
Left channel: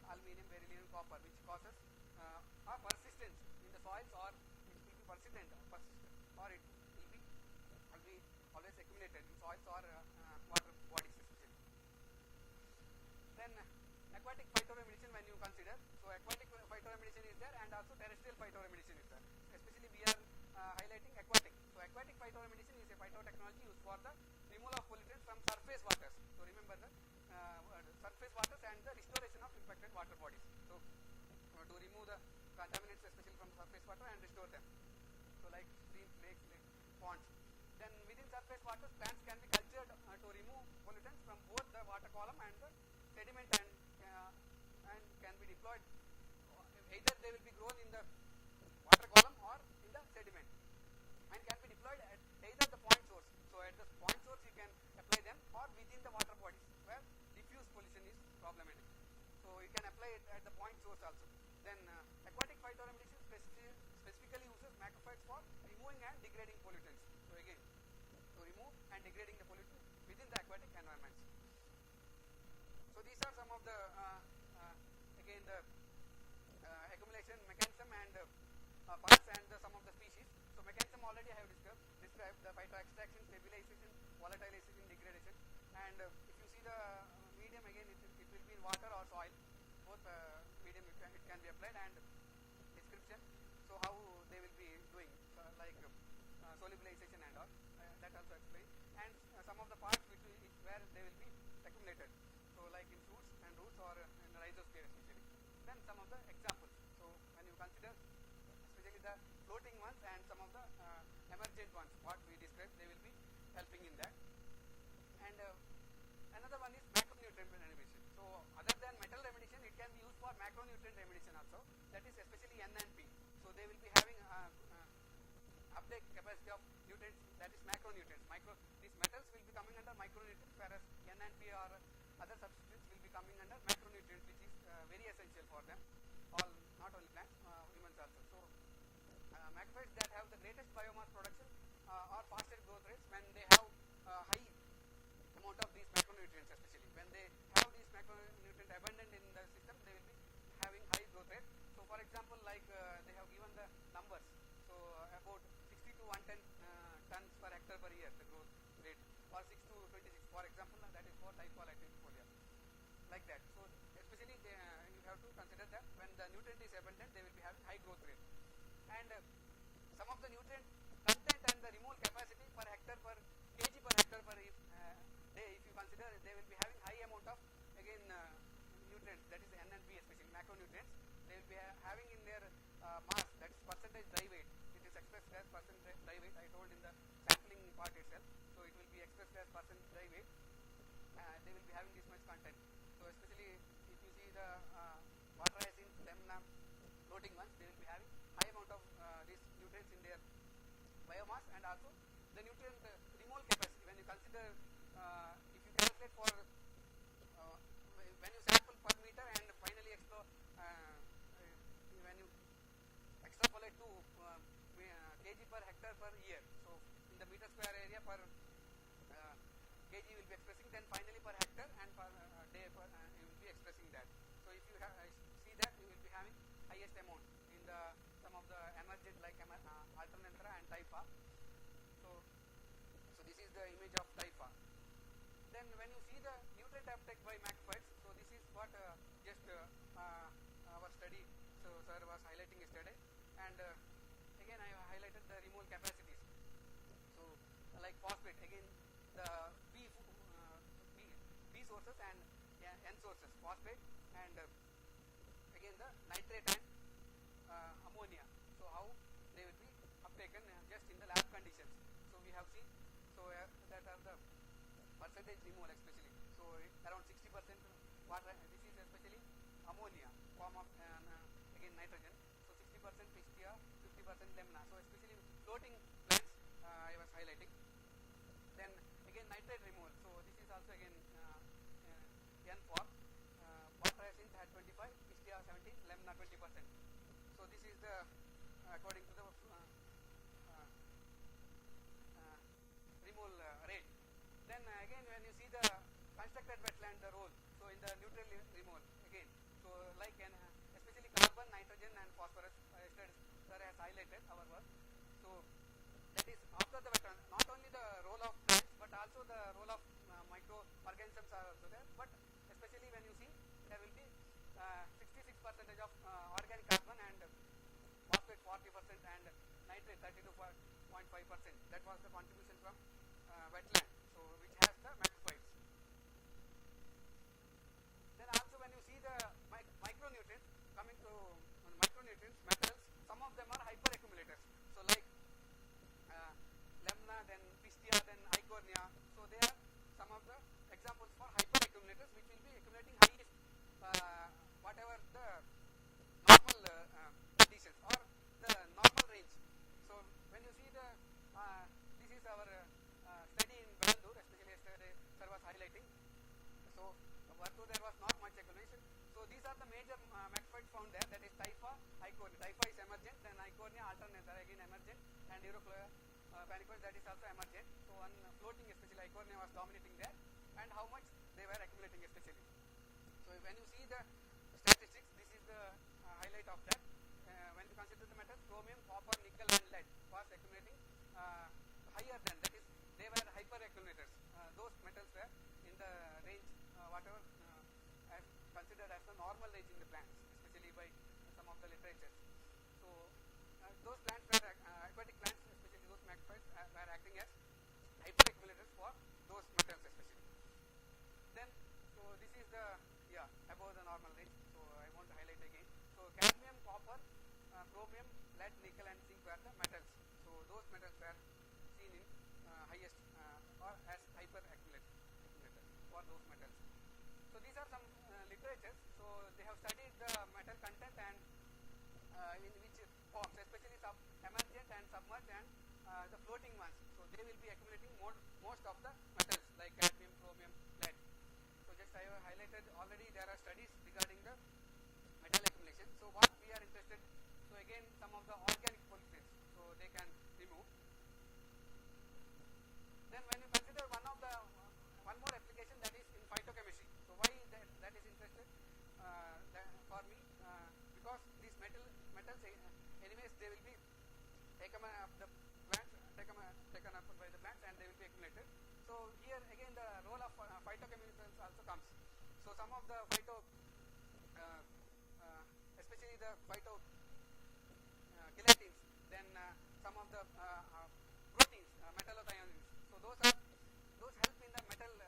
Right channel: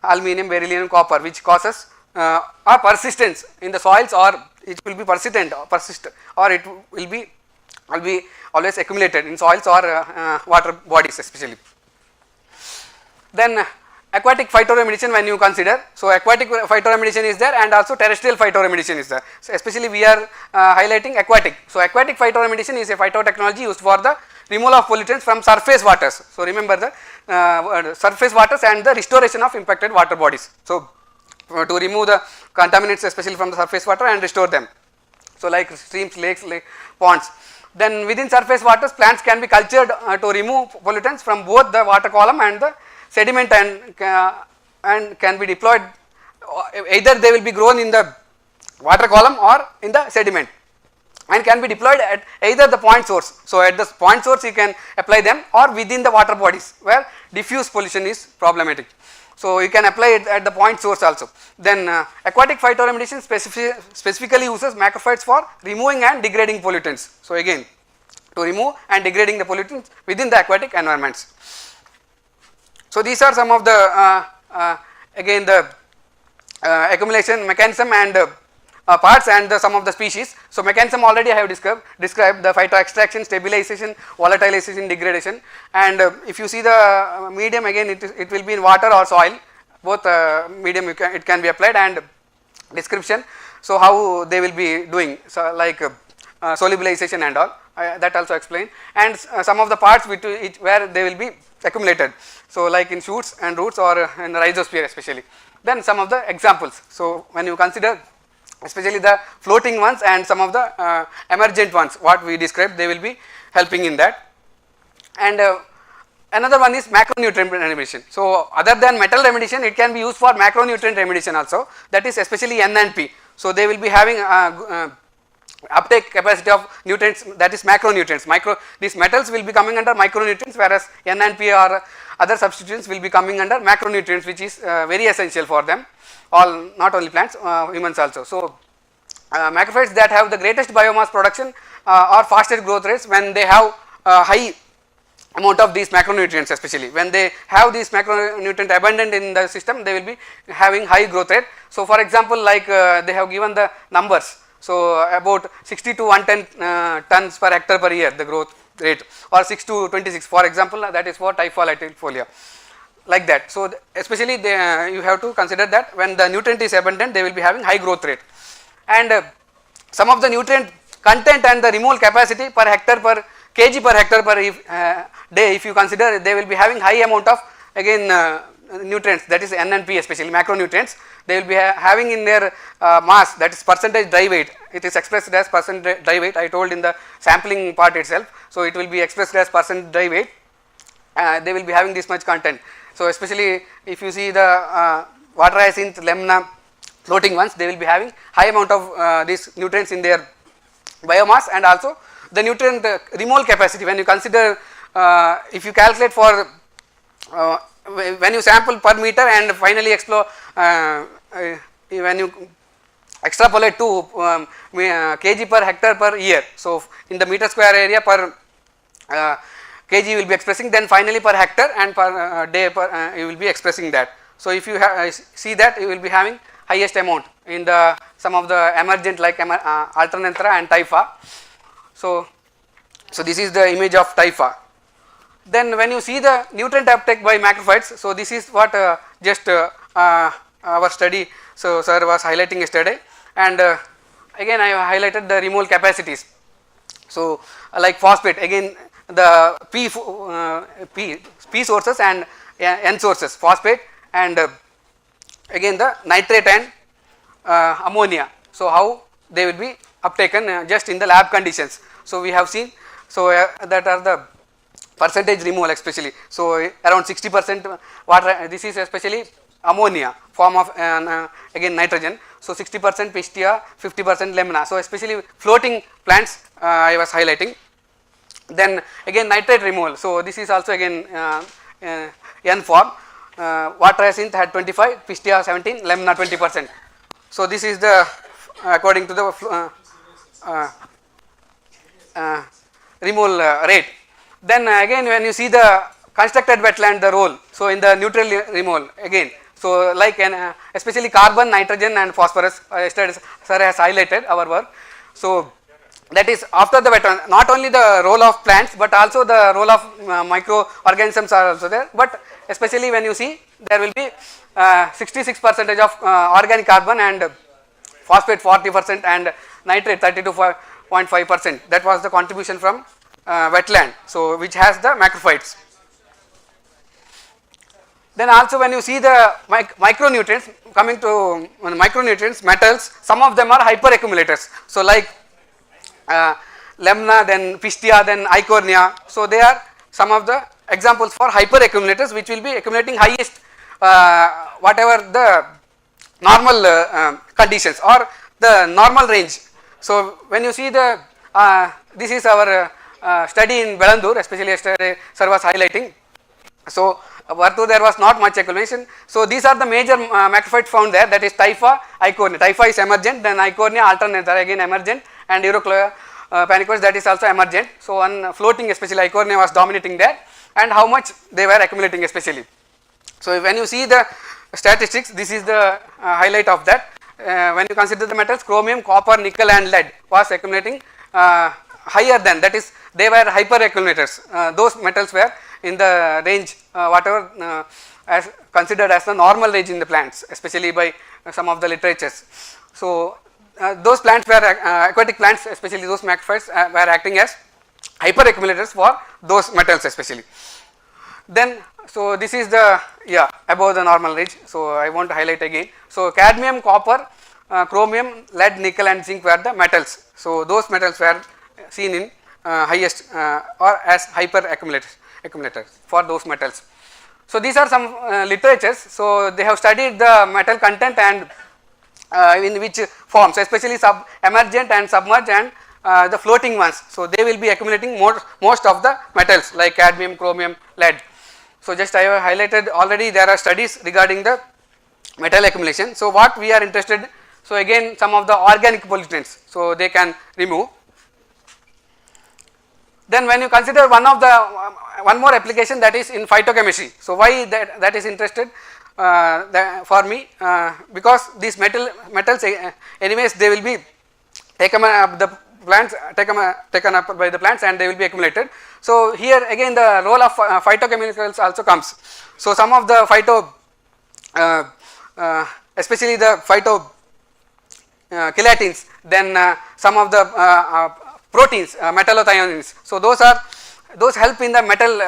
aluminum, beryllium, copper, which causes or persistence in the soils, or it will be persistent or persist, or it will be always accumulated in soils or water bodies especially. Then aquatic phytoremediation when you consider, so aquatic phytoremediation is there and also terrestrial phytoremediation is there. So especially we are highlighting aquatic. So aquatic phytoremediation is a phytotechnology used for the removal of pollutants from surface waters. So remember the surface waters and the restoration of impacted water bodies. So to remove the contaminants especially from the surface water and restore them. So like streams, lakes, ponds. Then within surface waters, plants can be cultured to remove pollutants from both the water column and the sediment, and can be deployed, either they will be grown in the water column or in the sediment, and can be deployed at either the point source. So at the point source you can apply them, or within the water bodies where diffuse pollution is problematic. So you can apply it at the point source also. Then aquatic phytoremediation specifically uses macrophytes for removing and degrading pollutants. So again, to remove and degrading the pollutants within the aquatic environments. So these are some of the again the accumulation mechanism and parts and some of the species. So mechanism already I have described the phyto extraction, stabilization, volatilization, degradation, and if you see the medium, again it will be in water or soil, both medium it can be applied, and description. So how they will be doing, so like solubilization and all, that also explained, and some of the parts where they will be accumulated. So like in shoots and roots or in rhizosphere especially. Then some of the examples. So when you consider especially the floating ones and some of the emergent ones what we described, they will be helping in that. And another one is macronutrient remediation. So other than metal remediation, it can be used for macronutrient remediation also, that is especially N and P. So they will be having uptake capacity of nutrients, that is macronutrients. These metals will be coming under micronutrients, whereas N and P or other substituents will be coming under macronutrients, which is very essential for them, all not only plants, humans also. So macrophytes that have the greatest biomass production or fastest growth rates when they have high amount of these macronutrients, especially when they have these macronutrient abundant in the system, they will be having high growth rate. So for example, like they have given the numbers, so about 60 to 110 tons per hectare per year the growth rate, or 6 to 26 for example, that is for Typha latifolia, like that. So especially you have to consider that when the nutrient is abundant, they will be having high growth rate. And some of the nutrient content and the removal capacity per hectare per kg per hectare per day, if you consider, they will be having high amount of again nutrients, that is N and P, especially macronutrients. They will be having in their mass, that is percentage dry weight, it is expressed as percentage dry weight, I told in the sampling part itself. So it will be expressed as percent dry weight, they will be having this much content. So especially if you see the water hyacinth, lemna, floating ones, they will be having high amount of these nutrients in their biomass, and also the nutrient removal capacity. When you consider, if you calculate for when you sample per meter and finally explore, when you extrapolate to kg per hectare per year, so in the meter square area per kg you will be expressing, then finally per hectare and per day per you will be expressing that. So if you see that, you will be having highest amount in the some of the emergent like Alternanthera and Typha. So this is the image of Typha. Then when you see the nutrient uptake by macrophytes, so this is what just our study, so sir was highlighting yesterday, and again I have highlighted the removal capacities. So like phosphate, again the P sources and N sources, phosphate and again the nitrate and ammonia. So how they will be uptaken just in the lab conditions. So we have seen, so that are the percentage removal especially. So around 60% water, this is especially ammonia form of again nitrogen. So 60% pistia, 50% lemna. So especially floating plants I was highlighting. Then again nitrate removal. So this is also again N form. Water hyacinth had 25, pistia 17, lemna 20%. So this is the according to the removal rate. Then again when you see the constructed wetland, the role, so in the neutral removal again, so like especially carbon, nitrogen and phosphorus, yesterday sir has highlighted our work. So that is after the wetland, not only the role of plants but also the role of microorganisms are also there, but especially when you see there will be 66% of organic carbon and phosphate 40% and nitrate 32.5%. That was the contribution from wetland, so which has the macrophytes. Then also when you see the micronutrients, coming to micronutrients, metals, some of them are hyperaccumulators. So like lemna, then pistia, then eichhornia. So they are some of the examples for hyperaccumulators which will be accumulating highest whatever the normal conditions or the normal range. So when you see the this is our study in Belandur, especially yesterday sir was highlighting. So Vartu there was not much accumulation. So these are the major macrophytes found there, that is Typha, eichhornia. Typha is emergent, then eichhornia, Alternanthera again emergent, and Euroclea panicoides, that is also emergent. So on floating especially eichhornia was dominating there, and how much they were accumulating especially. So when you see the statistics, this is the highlight of that. When you consider the metals, chromium, copper, nickel and lead was accumulating higher than, that is they were hyperaccumulators. Those metals were in the range whatever as considered as the normal range in the plants, especially by some of the literatures. So those plants were aquatic plants, especially those macrophytes were acting as hyperaccumulators for those metals especially. Then, so this is the above the normal range. So I want to highlight again. So cadmium, copper, chromium, lead, nickel and zinc were the metals. So those metals were seen in highest or as hyper accumulators for those metals. So these are some literatures. So they have studied the metal content and in which forms, especially emergent and submerged and the floating ones. So they will be accumulating most of the metals like cadmium, chromium, lead. So just I have highlighted already, there are studies regarding the metal accumulation. So what we are interested, so again some of the organic pollutants, so they can remove. Then when you consider one more application, that is in phytochemistry. So why that is interested for me, because these metals anyways they will be taken up the plants, taken up by the plants and they will be accumulated. So here again the role of phytochemicals also comes. So some of the especially the phytochelatins, then some of the proteins, metallothioneins. So those help in the metal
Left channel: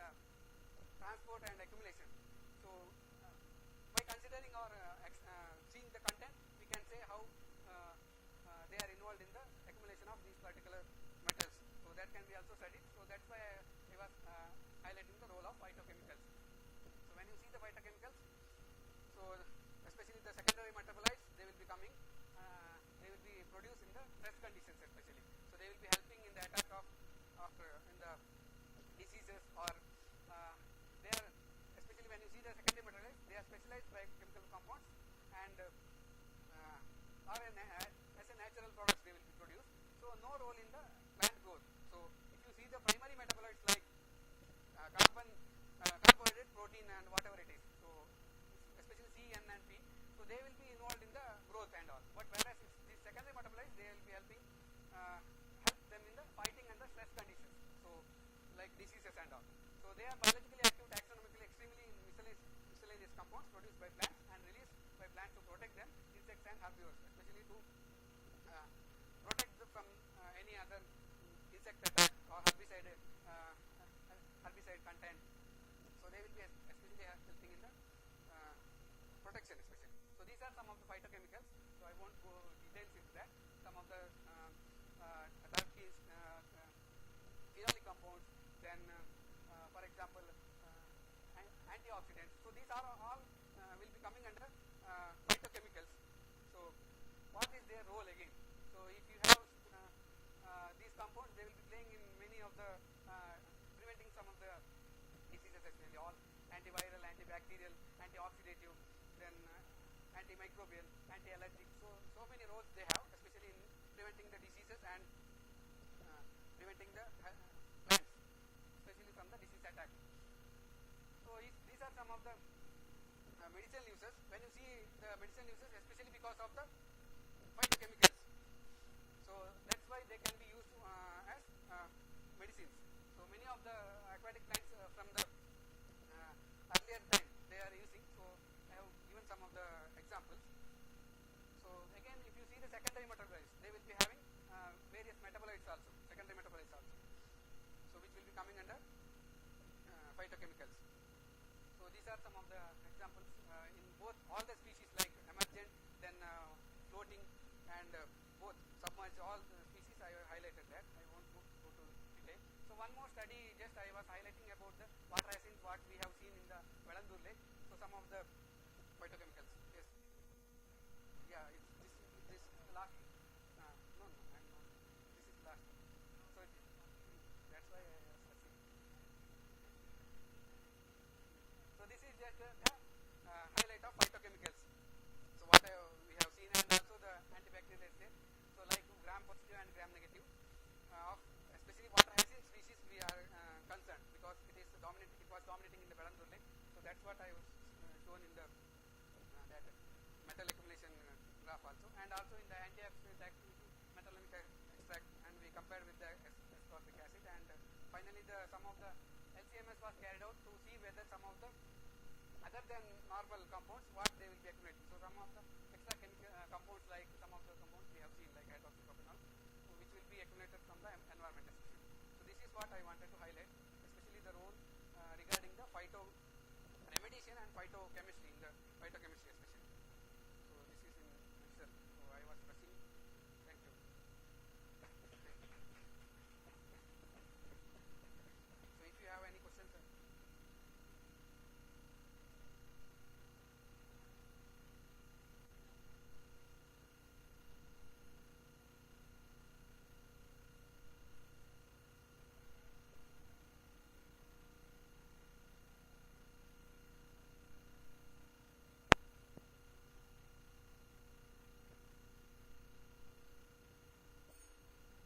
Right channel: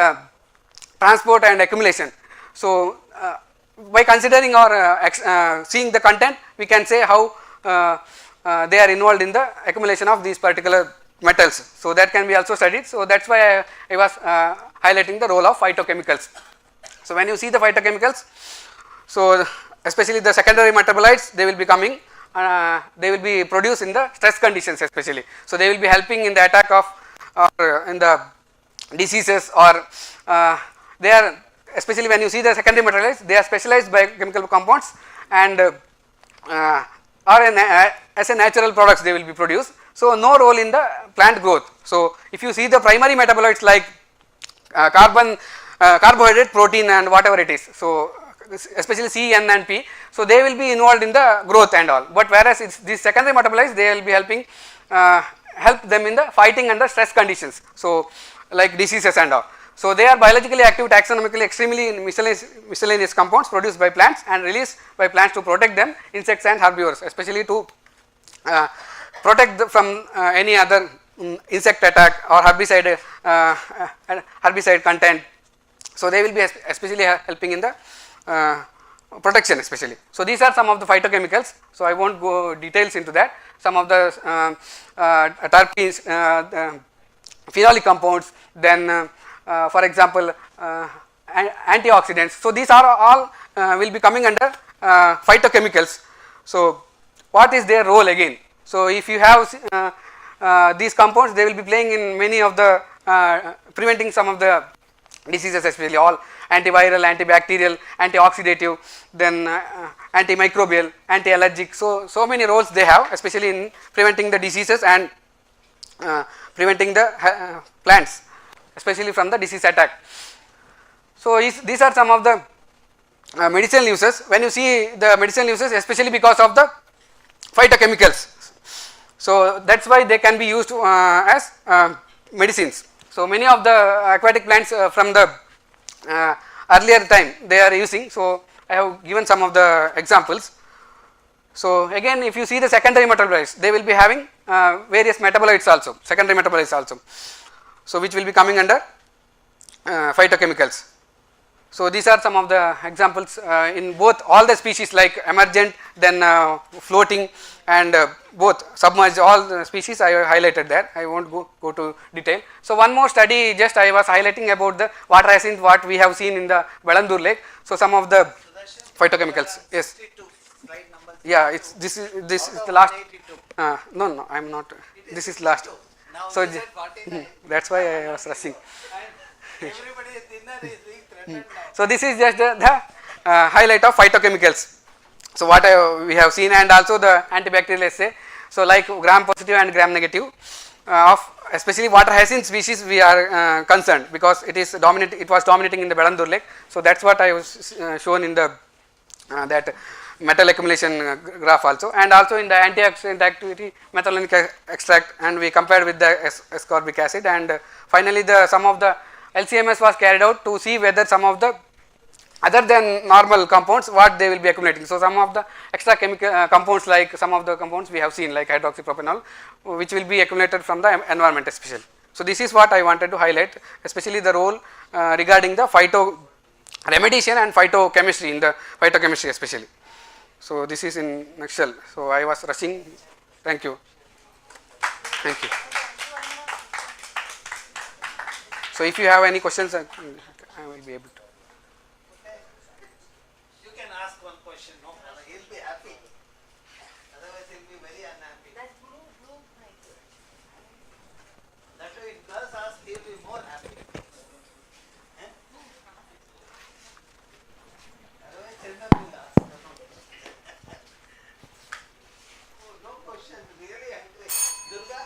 transport and accumulation. So by considering or seeing the content, we can say how they are involved in the accumulation of these particular metals. So that can be also studied. So that's why I was highlighting the role of phytochemicals. So when you see the phytochemicals, so especially the secondary metabolites, they will be coming, they will be produced in the stress conditions especially. So they will be helping in the attack of or in the diseases, or they are, especially when you see the secondary metabolites, they are specialized biochemical compounds and as a natural products they will be produced. So no role in the plant growth. So if you see the primary metabolites like carbohydrate, protein and whatever it is, so especially C, N and P, so they will be involved in the growth and all, but whereas it's these secondary metabolites, they will be helping help them in the fighting under stress conditions, so like diseases and all. So they are biologically active, taxonomically extremely miscellaneous compounds produced by plants and released by plants to protect them, insects and herbivores, especially to protect from any other insect attack or herbicide content. So they will be especially helping in the protection especially. So these are some of the phytochemicals. So I won't go details into that. Some of the terpenes, phenolic compounds, then for example antioxidants. So these are all will be coming under phytochemicals. So what is their role again? So if you have these compounds, they will be playing in many of the preventing some of the diseases, especially all antiviral, antibacterial, antioxidative, then antimicrobial, anti-allergic. So many roles they have, especially in preventing the diseases and preventing the plants, especially from the disease attack. So these are some of the medicinal uses. When you see the medicinal uses, especially because of the phytochemicals, so that's why they can be used as medicines. So many of the aquatic plants from the earlier time they are using. So I have given some of the examples. So again, if you see the secondary metabolites, they will be having various metabolites also, secondary metabolites also, so which will be coming under phytochemicals. So these are some of the examples in both all the species like emergent, then floating and both submerged, all the species I highlighted there. I won't go to detail. So one more study, just I was highlighting about the water hyacinth, what we have seen in the Belandur lake. So some of the phytochemicals. Yes. Yeah, it's this is the last. No, I am not. This is last. So that's why I was rushing. So this is just the highlight of phytochemicals. So what we have seen, and also the antibacterial assay. So like gram positive and gram negative of especially water hyacinth species we are concerned, because it is dominant. It was dominating in the Belandur lake. So that's what I was shown in the that metal accumulation graph also, and also in the antioxidant activity methylenic extract, and we compared with the ascorbic acid, and finally the some of the LCMS was carried out to see whether some of the other than normal compounds what they will be accumulating. So some of the extra chemical compounds, like some of the compounds we have seen like hydroxypropanol, which will be accumulated from the environment especially. So, this is what I wanted to highlight, especially the role regarding the phytoremediation and phytochemistry in the phytochemistry especially. So, this is in nutshell. So, I was rushing. Thank you. Thank you. So, if you have any questions, I will be able to. You can ask one question, no problem. He will be happy. Otherwise, he will be very unhappy. That blue mic. That way, if does ask, he will be more happy. Eh? Otherwise, Chandra will ask. Oh, no question. Really angry. Durga,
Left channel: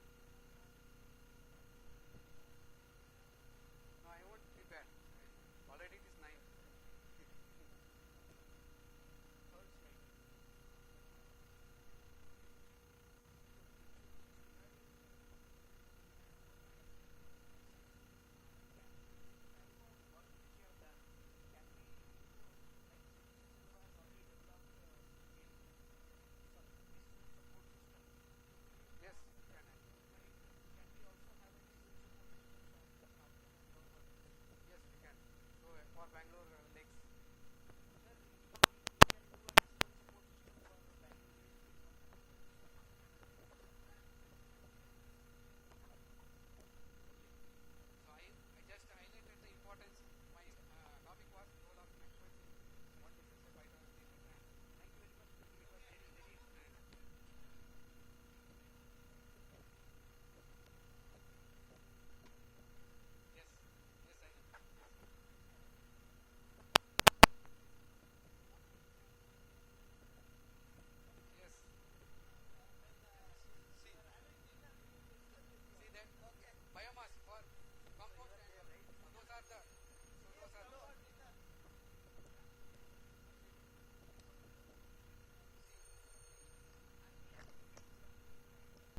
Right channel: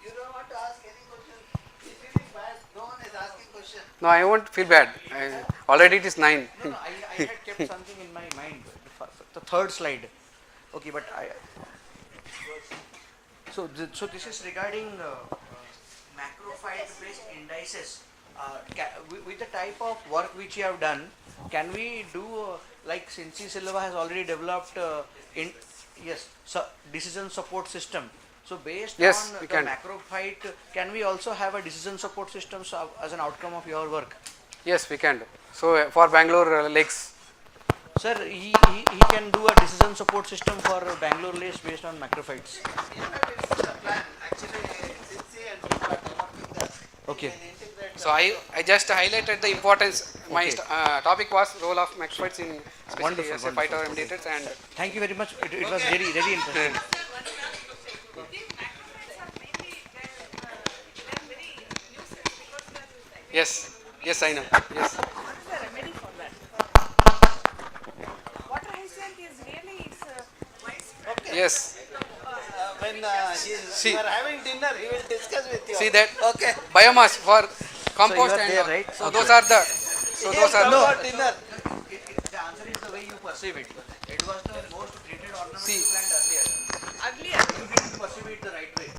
you don't want to ask any question. It's really bad. No one is asking question. No, I won't feel bad. Already it is 9. No, no, I had kept something in my mind, the third slide. Okay, but so this is regarding macrophyte based indices. With the type of work which you have done, can we do like Cincy Silva has already developed decision support system. So based Yes, on we the can. macrophyte, can we also have a decision support system as an outcome of your work? Yes, we can do. So, for Bangalore lakes, Sir, he can do a decision support system for Bangalore lakes based on macrophytes. It's the plan. Actually, Cincy and Durga are developing that. Okay. We can integrate so I just highlighted the importance. My Okay. topic was role of macrophytes in especially Wonderful, as a wonderful. phytoremediators and Thank you very much. It was very interesting. yes, yes, I know. Yes, What is the remedy for that? Water hyacinth is really widespread. yes. when See. you are having dinner, he will discuss with you. See that Okay. biomass for compost are and there, all. right? So Okay. those are the. So He those will are come for dinner. The answer is the way you perceive it. It was the most treated ornamental See. plant earlier. Earlier, You didn't perceive it the right way.